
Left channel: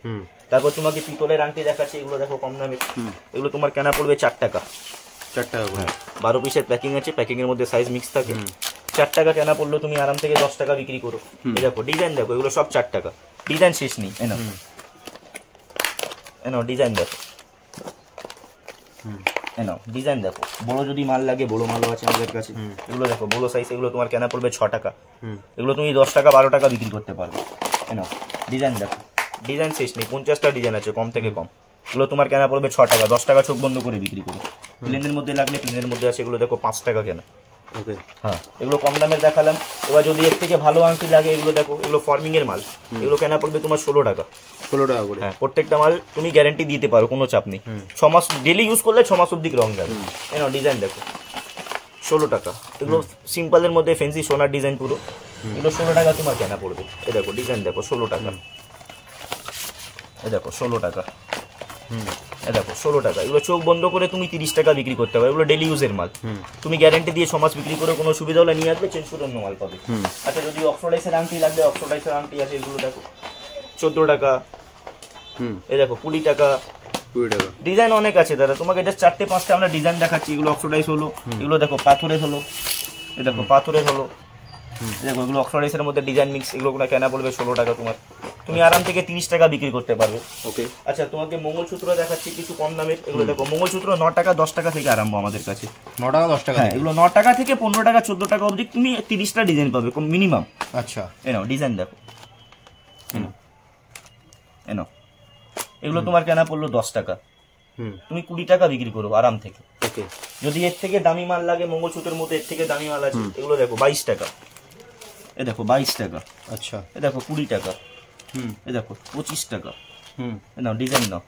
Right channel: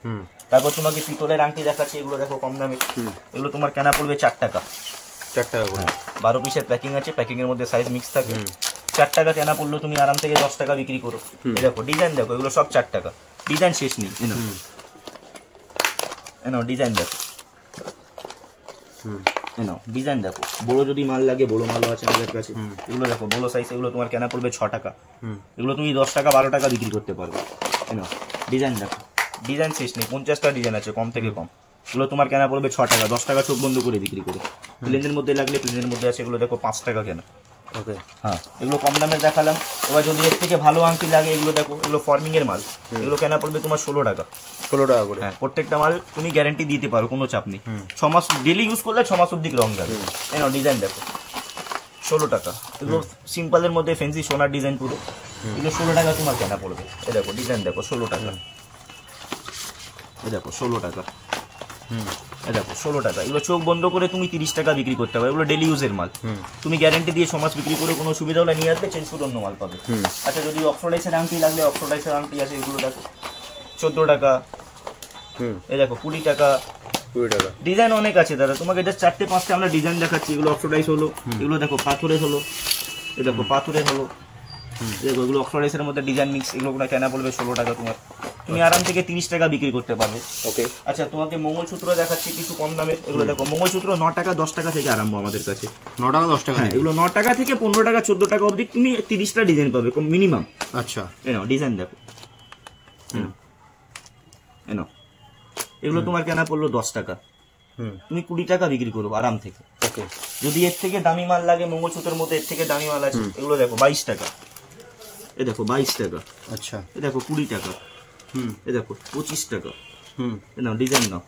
তারপর তোমাকে পিতলের আংটি দেখাচ্ছি, এগুলো দেখো কম দামে। এগুলো তোমার কেনা পড়বে 4 টাকা। 4 টাকা করে? 12 পিসের প্যাকিং আছে, প্যাকিং এর মধ্যে সাইজ মিক্স থাকে। 4 টাকা কেনা পড়লো, তুমি আরাম থেকে 10 টাকা বিক্রি করো। এই দেখো ডিজাইন দেখো, এগুলো সব 4 টাকা। ডিজাইন শেষ নেই। এনো ডিজাইন দেখো, এনো ডিজাইন দেখো। বড় যদি মাল লাগে বড় মালও আছে আমাদের কাছে। এগুলো দেখো বড় সাইজ, এগুলো তোমার কেনা পড়বে 6 টাকা। এগুলো তুমি 10 টাকা 12 টাকা বিক্রি করতে পারবে। এনো ডিজাইন দেখো, ডিজাইন শেষ নেই, 50টা ডিজাইন আছে কম থেকে কম। এগুলো তোমার কেনা পড়বে 6 টাকা, 10 টাকা চোখ বন্ধ করে বিক্রি করো। প্লেনের মধ্যে লাগলে প্লেনের মধ্যে আছে, এগুলো দেখো 5 টাকা কেনা। ওকে, হ্যাঁ এগুলো কম দামের দেখালাম। এবার যদি এর থেকে ভালো আংটি লাগে, এগুলো দেখো, এগুলো ফর্মিং এর মাল। এগুলো কেনা পড়বে তোমার 16 টাকা। 16 টাকা করে? হ্যাঁ, প্রত্যেকটা মাল তুমি গ্যারান্টি দিতে পারো, কোনো চাপ নেই। 6 মাস ডেলি ইউজ করলে 6 মাস অব্দি রং যাবে। এনো ডিজাইন দেখো, 16 টাকা। এগুলো সিম্পলের মধ্যে ফ্যান্সি সোনার ডিজাইন পুরো। এগুলো 16 টাকা তোমার কেনা পড়বে। এই দেখো ডিজাইন দেখো, 16 টাকা। এই দেখো 16 টাকা। এই দেখো 16 টাকা। এগুলো চোখ বন্ধ করে তুমি 30 টাকা বিক্রি করতে পারো। এগুলো ডেলি ইউজের মাল, তুমি গ্যারান্টি দিয়ে 6 মাস বিক্রি করে কোনো সুবিধা হলে নিয়ে আসবে, চেঞ্জ করে অন্য মাল পাবে। আচ্ছা, যদি অক্সোডাইসের আংটি লাগলে অক্সোডাইসের আংটি আছে, এগুলো দেখো 14 টাকা। এই দেখো 20 টাকা। 20 টাকা। ডিজাইন অনেক আছে দাদা, তোমাকে জাস্ট 4টে 5টে আমরা ডিজাইন দেখাচ্ছি। এগুলো অক্সোডাইস হলো, এগুলো দেখো পাথরের হলো, এই দেখো পাথরের হলো। দেখো এগুলো অক্সোডাইসের মধ্যে ডিজাইন মিক্স। এগুলো কেনা পড়বে 16 টাকা তোমার, তুমি আরাম থেকে 30 টাকা বিক্রি করতে পারবে। ওকে। আচ্ছা, তোমাকে মঙ্গলসূত্র দেখাচ্ছি কিছু কম দামের। এগুলো দেখো মঙ্গলসূত্র 9 টাকা 10 টাকা থেকে আরম্ভ আমাদের কাছে। 9 টাকা 10 টাকা? হ্যাঁ, এগুলো 9 টাকা থেকে 15 টাকা 14 টাকা অবধি তুমি 30টা ডিজাইন পাবে মিনিমাম। আচ্ছা, এনো ডিজাইন দেখো, এনো এগুলো তোমার কেনা পড়লো 10 টাকা। তুমি 20 টাকা বিক্রি করো আরাম থেকে। ওকে। যদি এর থেকে দামি মাল লাগে, মঙ্গলসূত্রের মধ্যে এর থেকে দামি মাল আছে, এগুলো দেখো 22 টাকা। এ দেখো 22 টাকা। আচ্ছা, এ দেখো 20 টাকা। এ দেখো 25 টাকা। নাও ডিজাইন নাও,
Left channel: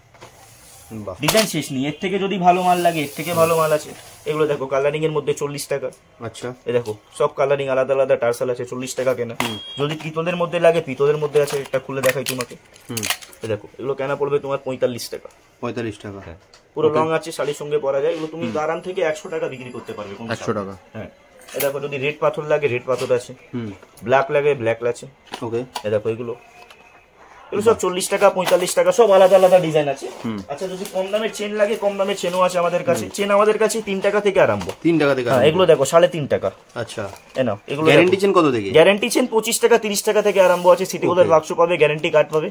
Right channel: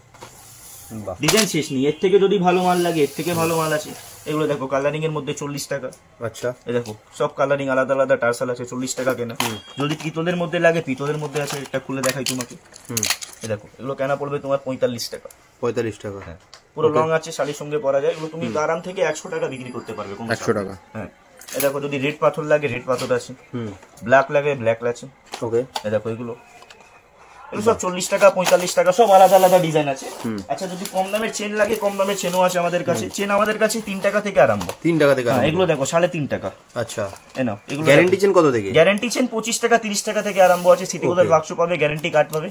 ডিজাইন শেষ নেই। এর থেকে যদি ভালো মাল লাগে, এর থেকে ভালো মাল আছে। এগুলো দেখো কালারিং এর মধ্যে 40 টাকা। আচ্ছা, এ দেখো সব কালারিং আলাদা আলাদা টার্সাল আছে, 40 টাকা কেনা। যদি পিতলের মধ্যে লাগে, পিতলের মধ্যে আছে, এটা খুলে দেখাই তোমাকে। এ দেখো এগুলো কেনা পড়বে তোমার 45 টাকা। 45 টাকা? হ্যাঁ, পুরো রং আছে, শাড়ির সঙ্গে পরা যায়। এগুলো তুমি আরাম থেকে 100 টাকা বিক্রি করতে পারবে। 100 টাকা? হ্যাঁ। এ দেখো যদি রেড পাথর লাগে, রেড পাথর আছে। ব্ল্যাক লাগে, ব্ল্যাক আছে। ওকে। এ দেখো এগুলো সব 40 টাকা 45 টাকা, সব আলাদা আলাদা ডিজাইন আছে। আচ্ছা, যদি কম দামের চেন লাগে, কম দামের চেনও আছে আমাদের কাছে। চেন আমাদের কাছে 3 টাকা থেকে আরম্ভ। 3 টাকা থেকে? এগুলো দেখো 3.5 টাকা। আচ্ছা, এনো এগুলো গ্যারান্টি চেন কত থেকে? গ্যারান্টি চেন 25 টাকা 30 টাকা থেকে আরম্ভ আছে। সিটি গোল্ডের বাক্স পাবে, গ্যারান্টি কার্ড পাবে।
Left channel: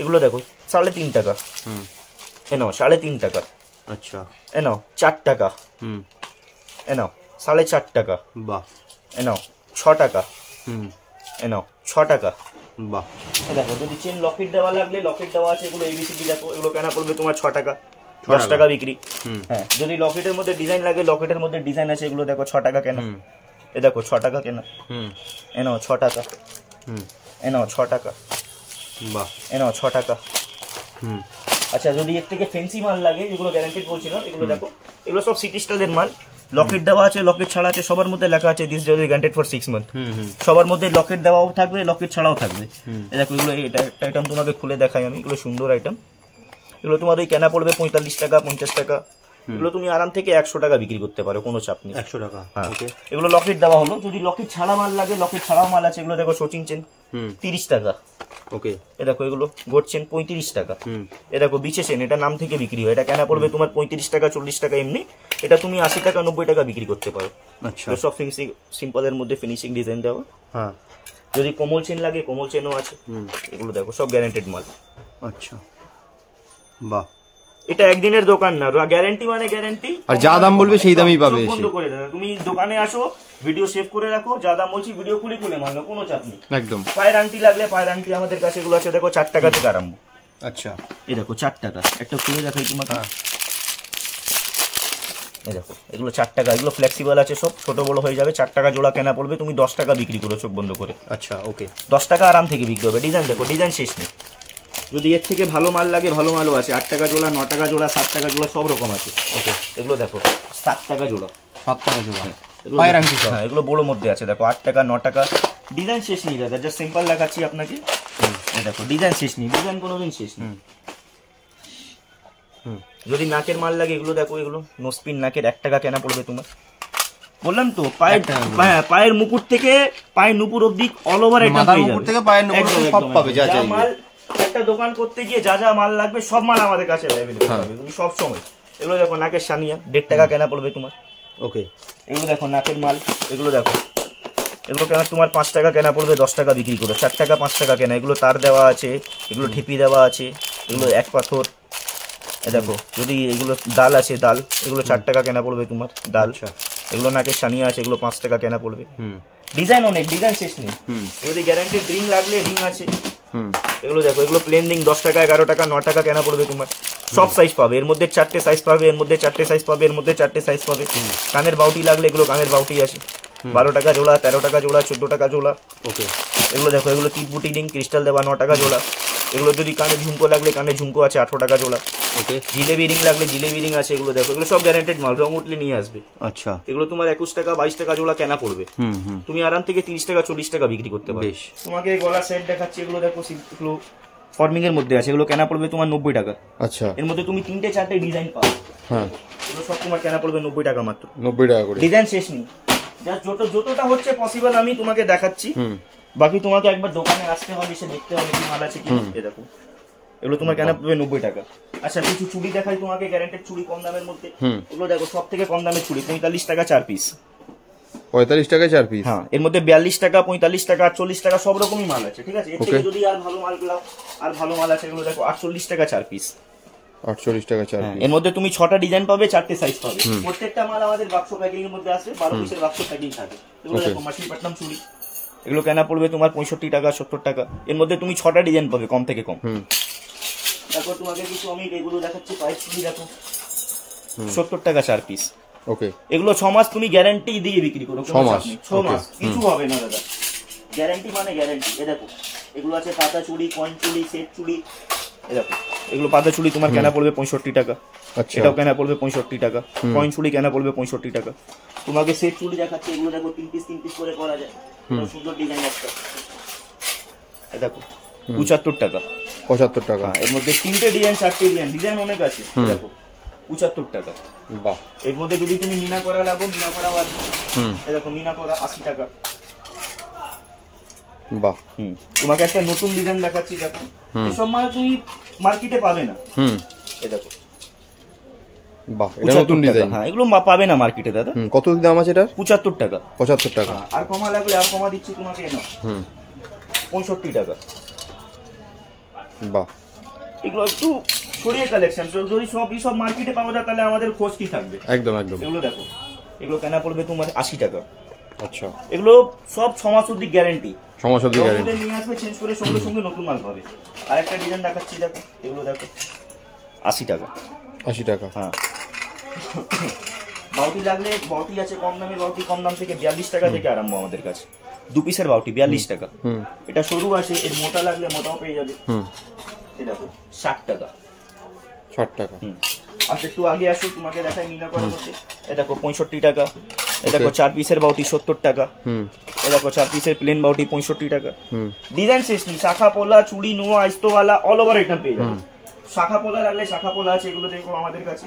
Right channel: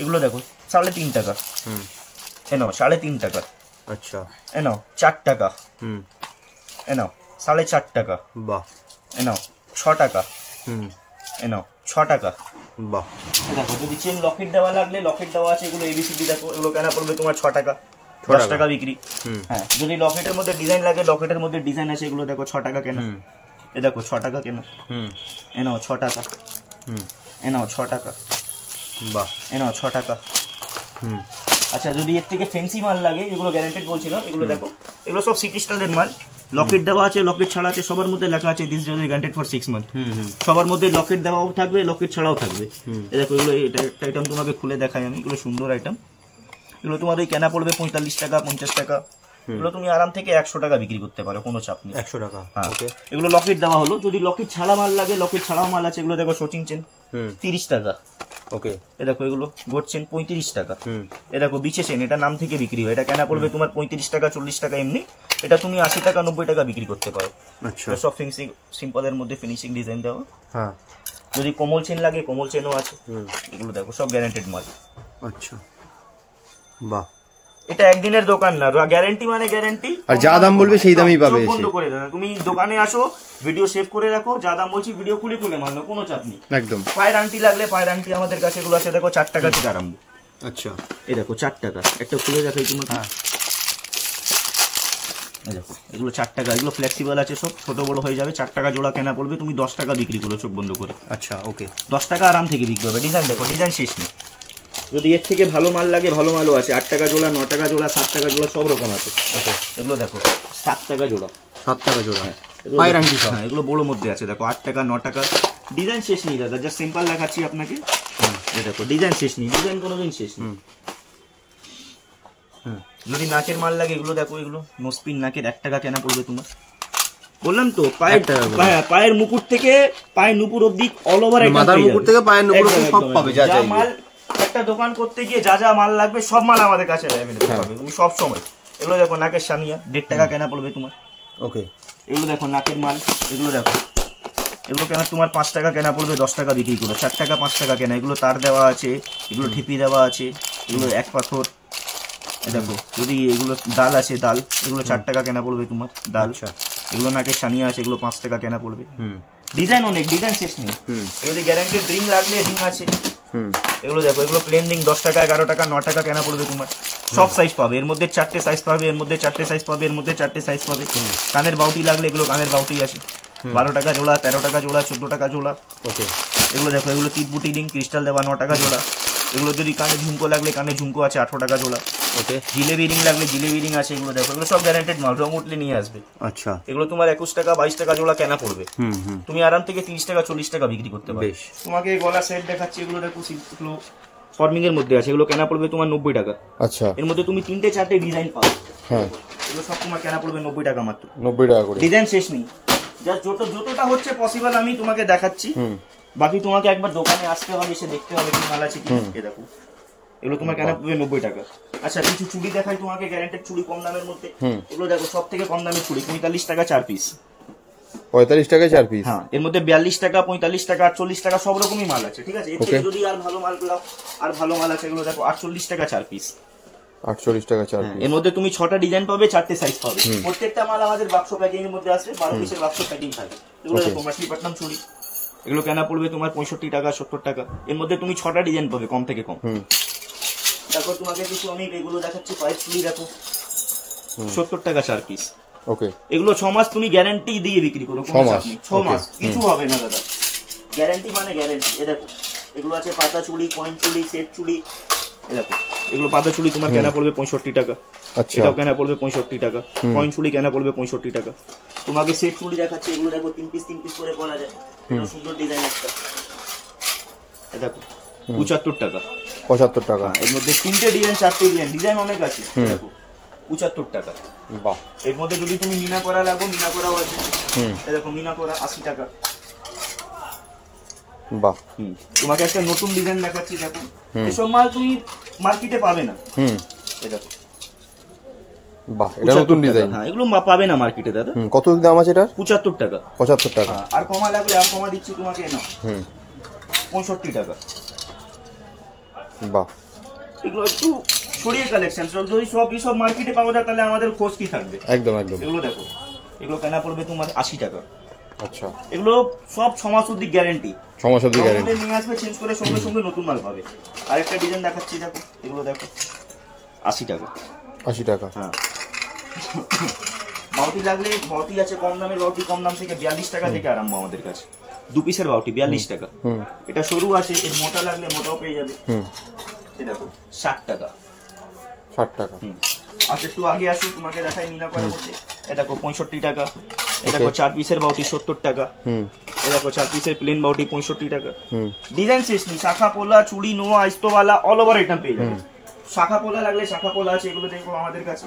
এগুলো দেখো 3.5 টাকা। এনো 3.5 টাকা। আচ্ছা, এনো 4 টাকা। এনো 4.5 টাকা। বাহ। এনো 6 টাকা। এনো 6 টাকা। বাহ। দেখো যদি চেন লকেট দেওয়া লাগলে লকেট দেওয়া আছে। এগুলো এবিসিডি দেখো, এগুলো কেনা পড়বে তোমার 6 টাকা। 10 টাকা বিক্রি। হ্যাঁ, যদি লকেটের মধ্যে ডিজাইন লাগে, লকেটের মধ্যে ডিজাইন আছে। এগুলো দেখো 6 টাকা কেনা। এ দেখো 6 টাকা কেনা। এনো 6 টাকা। এনো 6 টাকা। বাহ। এনো 6 টাকা। আচ্ছা, যদি এর থেকে ফ্যান্সি মাল লাগে, এগুলো গ্যারান্টেড বলছিলাম। এগুলো দেখো, এগুলো সব সিটি স্টাইলের মাল। লকেট দেওয়া আছে, লকেট ছাড়া আছে, সবার মধ্যে লেখা আছে this is guaranteed for 6 month. সবার মধ্যে লকেট দেওয়াও থাকবে, লকেট ছাড়াও থাকবে। এই দেখো এগুলো, এটা একটা আইটেম তোমাকে খুলে দেখাই আমি। এগুলো সুন্দর আইটেম। এগুলো তোমাদের কেনা পড়বে 45 টাকা 50 টাকা। এগুলো তুমি আরাম থেকে 100 টাকা বিক্রি করতে পারো, কোনো চাপ নেই। 100 টাকা? ওকে। এগুলো লকেট দেওয়া হলো। যদি লকেট ছাড়া মাল লাগে, লকেট ছাড়াও মাল আছে। এগুলো দেখো শোচিং চেন 30 টাকা। ওকে। এ দেখো এগুলো গোট চেন 35 টাকা। এ দেখো বিচে চেন, এটা নাম থেকে বিক্রি হয়। এটা কেনা পড়বে তোমার 35 টাকা 40 টাকা এমনি। এটা তুমি 80 টাকা 90 টাকা বিক্রি করতে পারো। আচ্ছা, সব ফিনিশিং সিম্পলের মধ্যে ফিনিশিং ডিজাইন দেওয়া। হ্যাঁ। যদি কোমল চেন লাগে, কোমল চেনও আছে। এগুলো দেখো সব গ্যারান্টেড মাল। আচ্ছা, বাহ। এটা একদিনের দোকান না, গ্যারান্টি মানে গ্যারান্টি। আর যা দাম বলবে সেই দামই পাবে। বন্ধ করে দেবে, তুমি দোকানে আসো, ভিডিও সেভ করে রাখো, যা দাম বলছি ভিডিও খুলে মানো, কোনো চাপ নেই। একদম। পায়ের আংটি লাগলে পায়ের আংটি আমাদের কাছে এগুলো আছে, দেখো 4 টাকা থেকে আরম্ভ। আচ্ছা, এই দেখো 4 টাকা, একটা খুলে দেখাই তোমাকে। হ্যাঁ, এই দেখো এগুলো 4 টাকা, এগুলো ফ্লেক্সিবল আছে, সব ছোট বড় হয়ে যাবে। 4 টাকা জোড়া কেনা পড়বে, তুমি 10 টাকা বিক্রি করো চোখ বন্ধ করে। আচ্ছা, ওকে, 10 টাকা আরাম থেকে বিক্রি হবে। ডিজাইন দেখো, ডিজাইন শেষ নেই। যদি এর থেকে ভালো মাল লাগে, ভালো মালও আছে। 8 টাকা জোড়া, 9 টাকা জোড়া, 7 টাকা জোড়া, সব রকম আছে। ওকে, এগুলো দেখো 7 টাকা জোড়া, 7 টাকা জোড়া। পায়ের আংটি সব, এগুলো বড় মধ্যে আছে। দেখো 8 টাকা, 9 টাকা। ডিজাইন শেষ নেই দাদা, জাস্ট সিম্পল দেখাচ্ছি আপনাকে। এই দেখো ডিজাইন শেষ নেই, ডিজাইন কোনোদিন শেষ নেই। যদি নাকের মাল লাগে, এগুলো দেখো, এগুলো নোসপিন নাকের 1 টাকা কেনা পড়বে তোমার। বললাম তো, পায়ের মুকুট থেকে পায়ের নুপুর অবধি অল ওভার, মাথার মুকুট থেকে পায়ের নুপুর সব পাবে। যা চাই মাল, একটা দোকান করতে গিয়ে যা যা মাল লাগবে সব মাল আমাদের কাছে অ্যাভেলেবল পাবে তুমি সব সময়। এগুলো দেখো নাকের সানিয়া, 1.5 টাকা কেনা পড়বে তোমার। ওকে, এগুলো দেখো নাকের মাল, এগুলো দেখো, এগুলো কেনা তোমার 5 টাকা কেনা পড়বে, 10 টাকা বিক্রি করো। 4 টাকা 5 টাকা কেনা। এগুলো তার দেওয়া আছে, এগুলো ঠিপি দেওয়া আছে, এগুলো 1 পাথর। দেখো যদি এগুলো ডাল আছে, ডাল, এগুলো 4 টাকা কেনা পড়বে তোমার, ডাল। এগুলো নাকের সানিয়া আছে, এগুলো 5 টাকা কেনা পড়বে। ডিজাইন অনেক, ডিজাইন শেষ নেই। এগুলো গ্যারান্টি রিং লাগলে রিং আছে। এগুলো দেখো, এগুলো প্লেন রিং 10 টাকা, 11 টাকা, 9 টাকা কেনা পড়বে তোমার। সব সাইজ পাবে, এর মধ্যে 4টে সাইজ পাবে, এর মধ্যে 4টে সাইজ পাবে, এর মধ্যে 4টে সাইজ পাবে। কানের বাউটি লাগলে, এগুলো কানের বাউটি আছে, 12 টাকা জোড়া, 13 টাকা জোড়া, 14 টাকা জোড়া। ওকে, এগুলো দেখো, এগুলো টিপবুটি রিং ক্রিস্টাল দেওয়া, 9 টাকা জোড়া। এগুলো যদি কানে ঝুমকো লাগলে, কানে ঝুমকো আছে, 18 টাকা জোড়া। ওকে, জিলেবি রিং লাগলে জিলেবি রিং আছে। এগুলো দেখো, এগুলো সব গ্যারান্টেড মাল, রং উঠলে নিয়ে আসবে। আচ্ছা, এগুলো তোমার 21 টাকা 22 টাকা জোড়া কেনা পড়বে। তুমি আরাম থেকে 30 টাকা 40 টাকা বিক্রি করতে পারবে। তোমাকে গলা সেট দেখাচ্ছি, এগুলো দেখো, এগুলো ফর্মিং এর মধ্যে আছে, এগুলো কেনা পড়বে তোমার 90 টাকা। আচ্ছা, এর মধ্যে তুমি 3টে 4টে ডিজাইন পাবে। হ্যাঁ, এগুলো সব তোমার কেনা পড়বে 90 টাকা মাত্র। 90 টাকা করে। ডিজাইন শেষ নেই, জাস্ট যতটা হচ্ছে পসিবল আমি তোমাকে দেখাচ্ছি। বাকি তোমাকে একবার দোকানে আসতে হবে, এসে দেখতে হবে কি মাল আছে কি। এই দেখো, এগুলো তোমার কেনা পড়বে 90 টাকা। আচ্ছা, কিছু চুড়ি দেখাই তোমাকে, গ্যারান্টেড চুড়ি কম দামের মধ্যে। এগুলো দেখো, সব থেকে কম দামের চুড়ি 45 টাকা 4 পিস। 45 টাকা 4 পিস। হ্যাঁ, এর মধ্যে 42 টাকা, 45 টাকা, 48 টাকা, সব রকমই মাল আছে। ঠিক আছে, এর থেকে যদি আর ভালো মাল পেলাও, আর ভালো মাল আছে। এগুলো দেখো 48 টাকা 4 পিস। 48 টাকা 4 পিস। এর মধ্যে তুমি 6টা ডিজাইন পাবে, 4টে সাইজ পাবে। প্রত্যেকটা মাল আমাদের বাক্স প্যাকিং এর মধ্যে আসবে, 12 পিসের বাক্স প্যাকিং থাকে। এগুলো দেখো মাছলিপট্টনম চুড়ি, এগুলো কেনা পড়বে তোমার 65 টাকা 70 টাকা। এর মধ্যে তুমি 6টা ডিজাইন পাবে, কম থেকে কম। তারপর তোমাকে কিছু আমি এগুলো দেখাচ্ছি, পাইপ চুড়ি দেখো, 70 টাকা 4 পিস। ওকে, এগুলো 6 মাস তুমি গ্যারান্টি দিয়ে বিক্রি করো, কোনো চাপ নেই। 6 মাস কিছু হবে না দাদা, গ্যারান্টি মানে গ্যারান্টি। এ দেখো, এগুলো আছে পাতা চুড়ি, কয়েন চুড়ি, সেট চুড়ি। এ দেখো, এগুলো পাতা চুড়ি তোমার কেনা পড়বে 65 টাকা। আচ্ছা, এটাও কেনা পড়বে 65 টাকা। কয়েন চুড়ি কেনা পড়বে 65 টাকা। তোমাকে সেট চুড়ি দেখাচ্ছি, এগুলো দেখো 3 পিস করে পরা যায়, সুন্দর ডিজাইন একটা। এ দেখো 75 টাকা। 75 টাকা। এর মধ্যে 3টে ডিজাইন, 4টে ডিজাইন, ডিজাইন অনেক আছে। দেখো 75 টাকা। বাহ, এর মধ্যে যদি তুমি মিনা করা লাগো, মিনা করাও আছে। এই দেখো, মিনা করা 80 টাকা। বাহ, তোমাকে একটা নতুন ডিজাইন দেখাচ্ছি, দেখো, এসব মাল তুমি মার্কেটে পাবে না। এই দেখো, বাহ, এটা নতুন ডিজাইন। হ্যাঁ, এগুলো পাবে না মার্কেটে দাদা। কত দাম আছে এটার? 75 টাকা। 75 টাকা। আর কমা লাগলে আর কমা দিচ্ছি তোমাকে, না 65 টাকা। বাহ, এগুলো একটু ছড়িয়ে কালেকশন, যদি সব মার্কেটে পাওয়া যায় তাহলে আমাদের খোঁজ কি থাকবে। একদম একদম। এগুলো দেখো, এগুলো কেনা পড়বে তোমার 80 টাকা। আচ্ছা, এগুলো সব 6 মাস অবধি গ্যারান্টি। 6 মাস অবধি গ্যারান্টি। নিয়ে আসবে, চেঞ্জ করে সঙ্গে সঙ্গে নতুন মাল পাবে। আর একটা ডিজাইন দেখাচ্ছি, দেখো, এগুলো দেখো 80 টাকা। 80 টাকা। হ্যাঁ, বাউটি লাগলে বাউটি আছে, কম দামের বাউটি, কম দাম থেকে 42 টাকা থেকে আরম্ভ আমাদের কাছে। 2 পিসের বাউটি 42 টাকা। এটা সরু আছে, এর মোটা লাগলে মোটাও পেয়ে যাবে। এই দেখো 60 টাকা। 60 টাকা। আর একটু আগে আসো, তোমাকে দেখাই মিনা করা হচ্ছে। এই দেখো 65 টাকা। এই দেখো 4 পিসের বাউটি 70 টাকা। এই দেখো 4 পিসের প্লেন বাউটি 65 টাকা। ডিজাইন শেষ নেই, শাখা পোলা, চুড়ি, নোয়া, আইস্তোওয়ালা, অল ওভার আইটেম পেয়ে যাবে। শাখা পোলা লাগলে শাখা পোলা আছে, এগুলো দেখো আমাদের কাছে।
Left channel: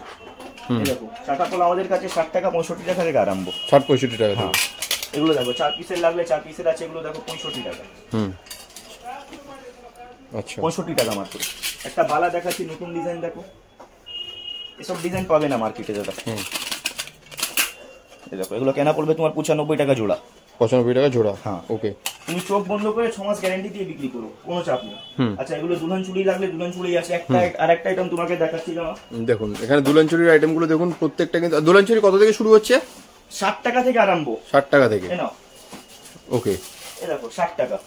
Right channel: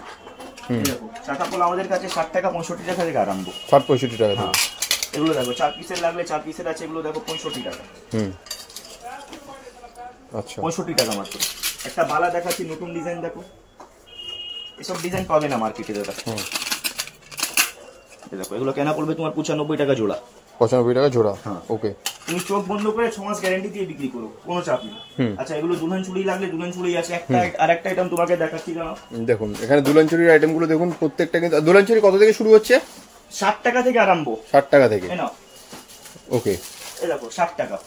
দেখো শাখা পোলা আমাদের কাছে 60 টাকা 65 টাকা থেকে আরম্ভ। 60-65 টাকা থেকে। এগুলো দেখো 4 পিসের লাগলে 4 পিসের আছে, এগুলো দেখো 65 টাকা। আচ্ছা, 65 টাকা মাত্র। একটা বালা দেখাচ্ছি, নতুন ডিজাইন দেখো, এসব ডিজাইন পাবে না মার্কেটে দাদা। দেখো, এগুলো কেনা পড়বে তোমার 95 টাকা জোড়া। 95 টাকা জোড়া। ওকে, তুমি চোখ বন্ধ করে 6 মাস গ্যারান্টি দিয়ে বিক্রি করো, কোনো চাপ নেই। আচ্ছা, এগুলো দুলহান চুড়ি লাগলে দুলহান চুড়ি আছে। আর একটা আইটেম তোমাকে দেখাচ্ছি, জানো, দেখুন এখানে দুলহান চুড়ির আইটেম গুলো দেখুন, প্রত্যেকটা কিন্তু। দুলহান চুড়ি কত থেকে শুরু হচ্ছে? 60 টাকা থেকে আরম্ভ। 60 টাকা থেকে। নাও, ওকে, এই দেখো 60 টাকা।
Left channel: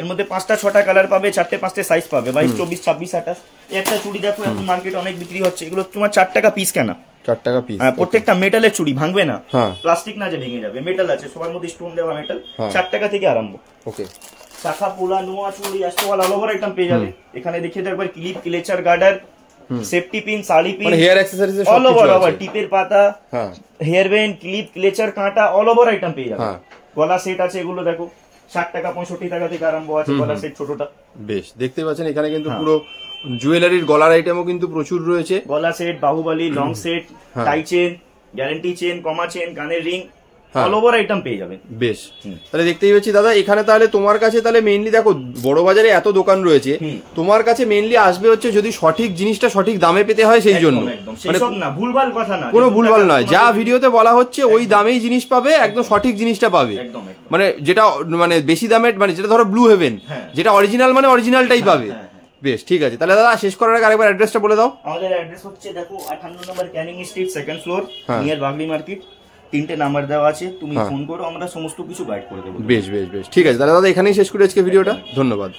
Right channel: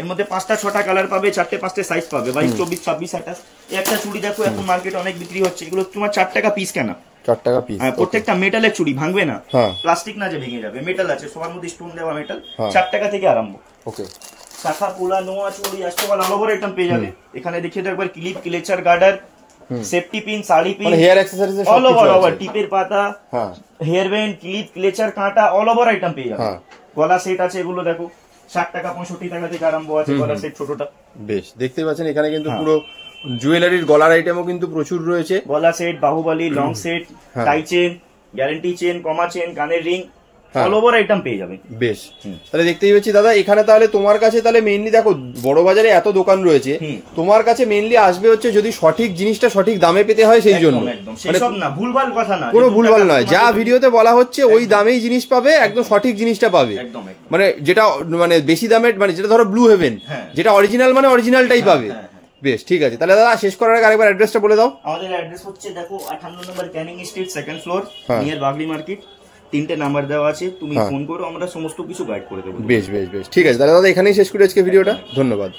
এর মধ্যে 5টা 6টা কালার পাবে, 4টে 5টে সাইজ পাবে, 22 24 26 28। একটা চুড়ি দেখো এখন মার্কেটে অনেক বিক্রি হচ্ছে, এগুলো তোমার 4 টাকা পিস কেনা, 4 টাকা পিস। প্রত্যেকটা মেটালের চুড়ি, ভাঙবে না, প্লাস্টিক না যে ভেঙে যাবে, মেটাল আছে, সবার মধ্যে স্টোন দেওয়া মেটাল, 4 টাকা থেকে আরম্ভ। ওকে, শাখা পোলা নোয়া চুড়ি অষ্টওয়াল অল ওভার আইটেম পেয়ে যাবে। এখানে দেখিয়ে দাও একবার, ক্লিপ, ক্লেচার, গার্ডার, সেফটি পিন, শাড়ি পিন, মানে হেয়ার অ্যাকসেসরিজ অল ওভার, টিপের পাতা, হেয়ার ব্যান্ড, ক্লিপ, ক্লেচার, কাঁটা, অল ওভার আইটেম পেয়ে যাবে। গলা সেট আছে, এগুলো দেখো 60 টাকা 65 টাকা থেকে আরম্ভ আছে গলা সেট ছোটটা। বেশ, দেখতে পাচ্ছেন এখানে কিন্তু পুরো জুয়েলারির গলার আইটেমও কিন্তু প্রচুর রয়েছে। গলা set, Bahubali, long set, tie chain, guarantee chain, কমা চেন, কানের রিং, অল ওভার আইটেম পেয়ে যাবে। বেশ, তাহলে দেখতেই পাচ্ছি দাদা এখানে তাহলে তোমার কাছে তাহলে মেইনলি দেখো বড় বাজারে এত দোকান রয়েছে, তোমার কাছে মেইনলি আসবে হচ্ছে যদি সঠিক জিনিসটা সঠিক দামে পেতে হয় সেই জন্য, মানে না ভুলভাল কথা না, কোনো ভুলভাল নয়, যা ভিডিওতে বলা হচ্ছে ওই দামেই জিনিস পাবে, একদম সঠিক জিনিসটা পাবে। মানে যেটা মানে বেশি দামে, মানে যেটা ধরো ব্লু হেভেন, যেটা অরিজিনাল মানে অরিজিনালটাই পাবে। বেশ, ঠিক আছে, তাহলে দাদা শেষ করার আগে আরেকবার অ্যাড্রেসটা বলে দাও। আমাদের অ্যাড্রেস হচ্ছে দেখো 58 number Canning street, second floor, near Bagree market. 3টে নাম্বার দেওয়া আছে, তুমি ফোন করো, আমরা সমস্ত কিছু গাইড করে দেবো। বেশ বেশ বেশ, ঠিক আছে, তাহলে দাদা এখানেই শেষ করি আজকে ভিডিওটা। ধন্যবাদ।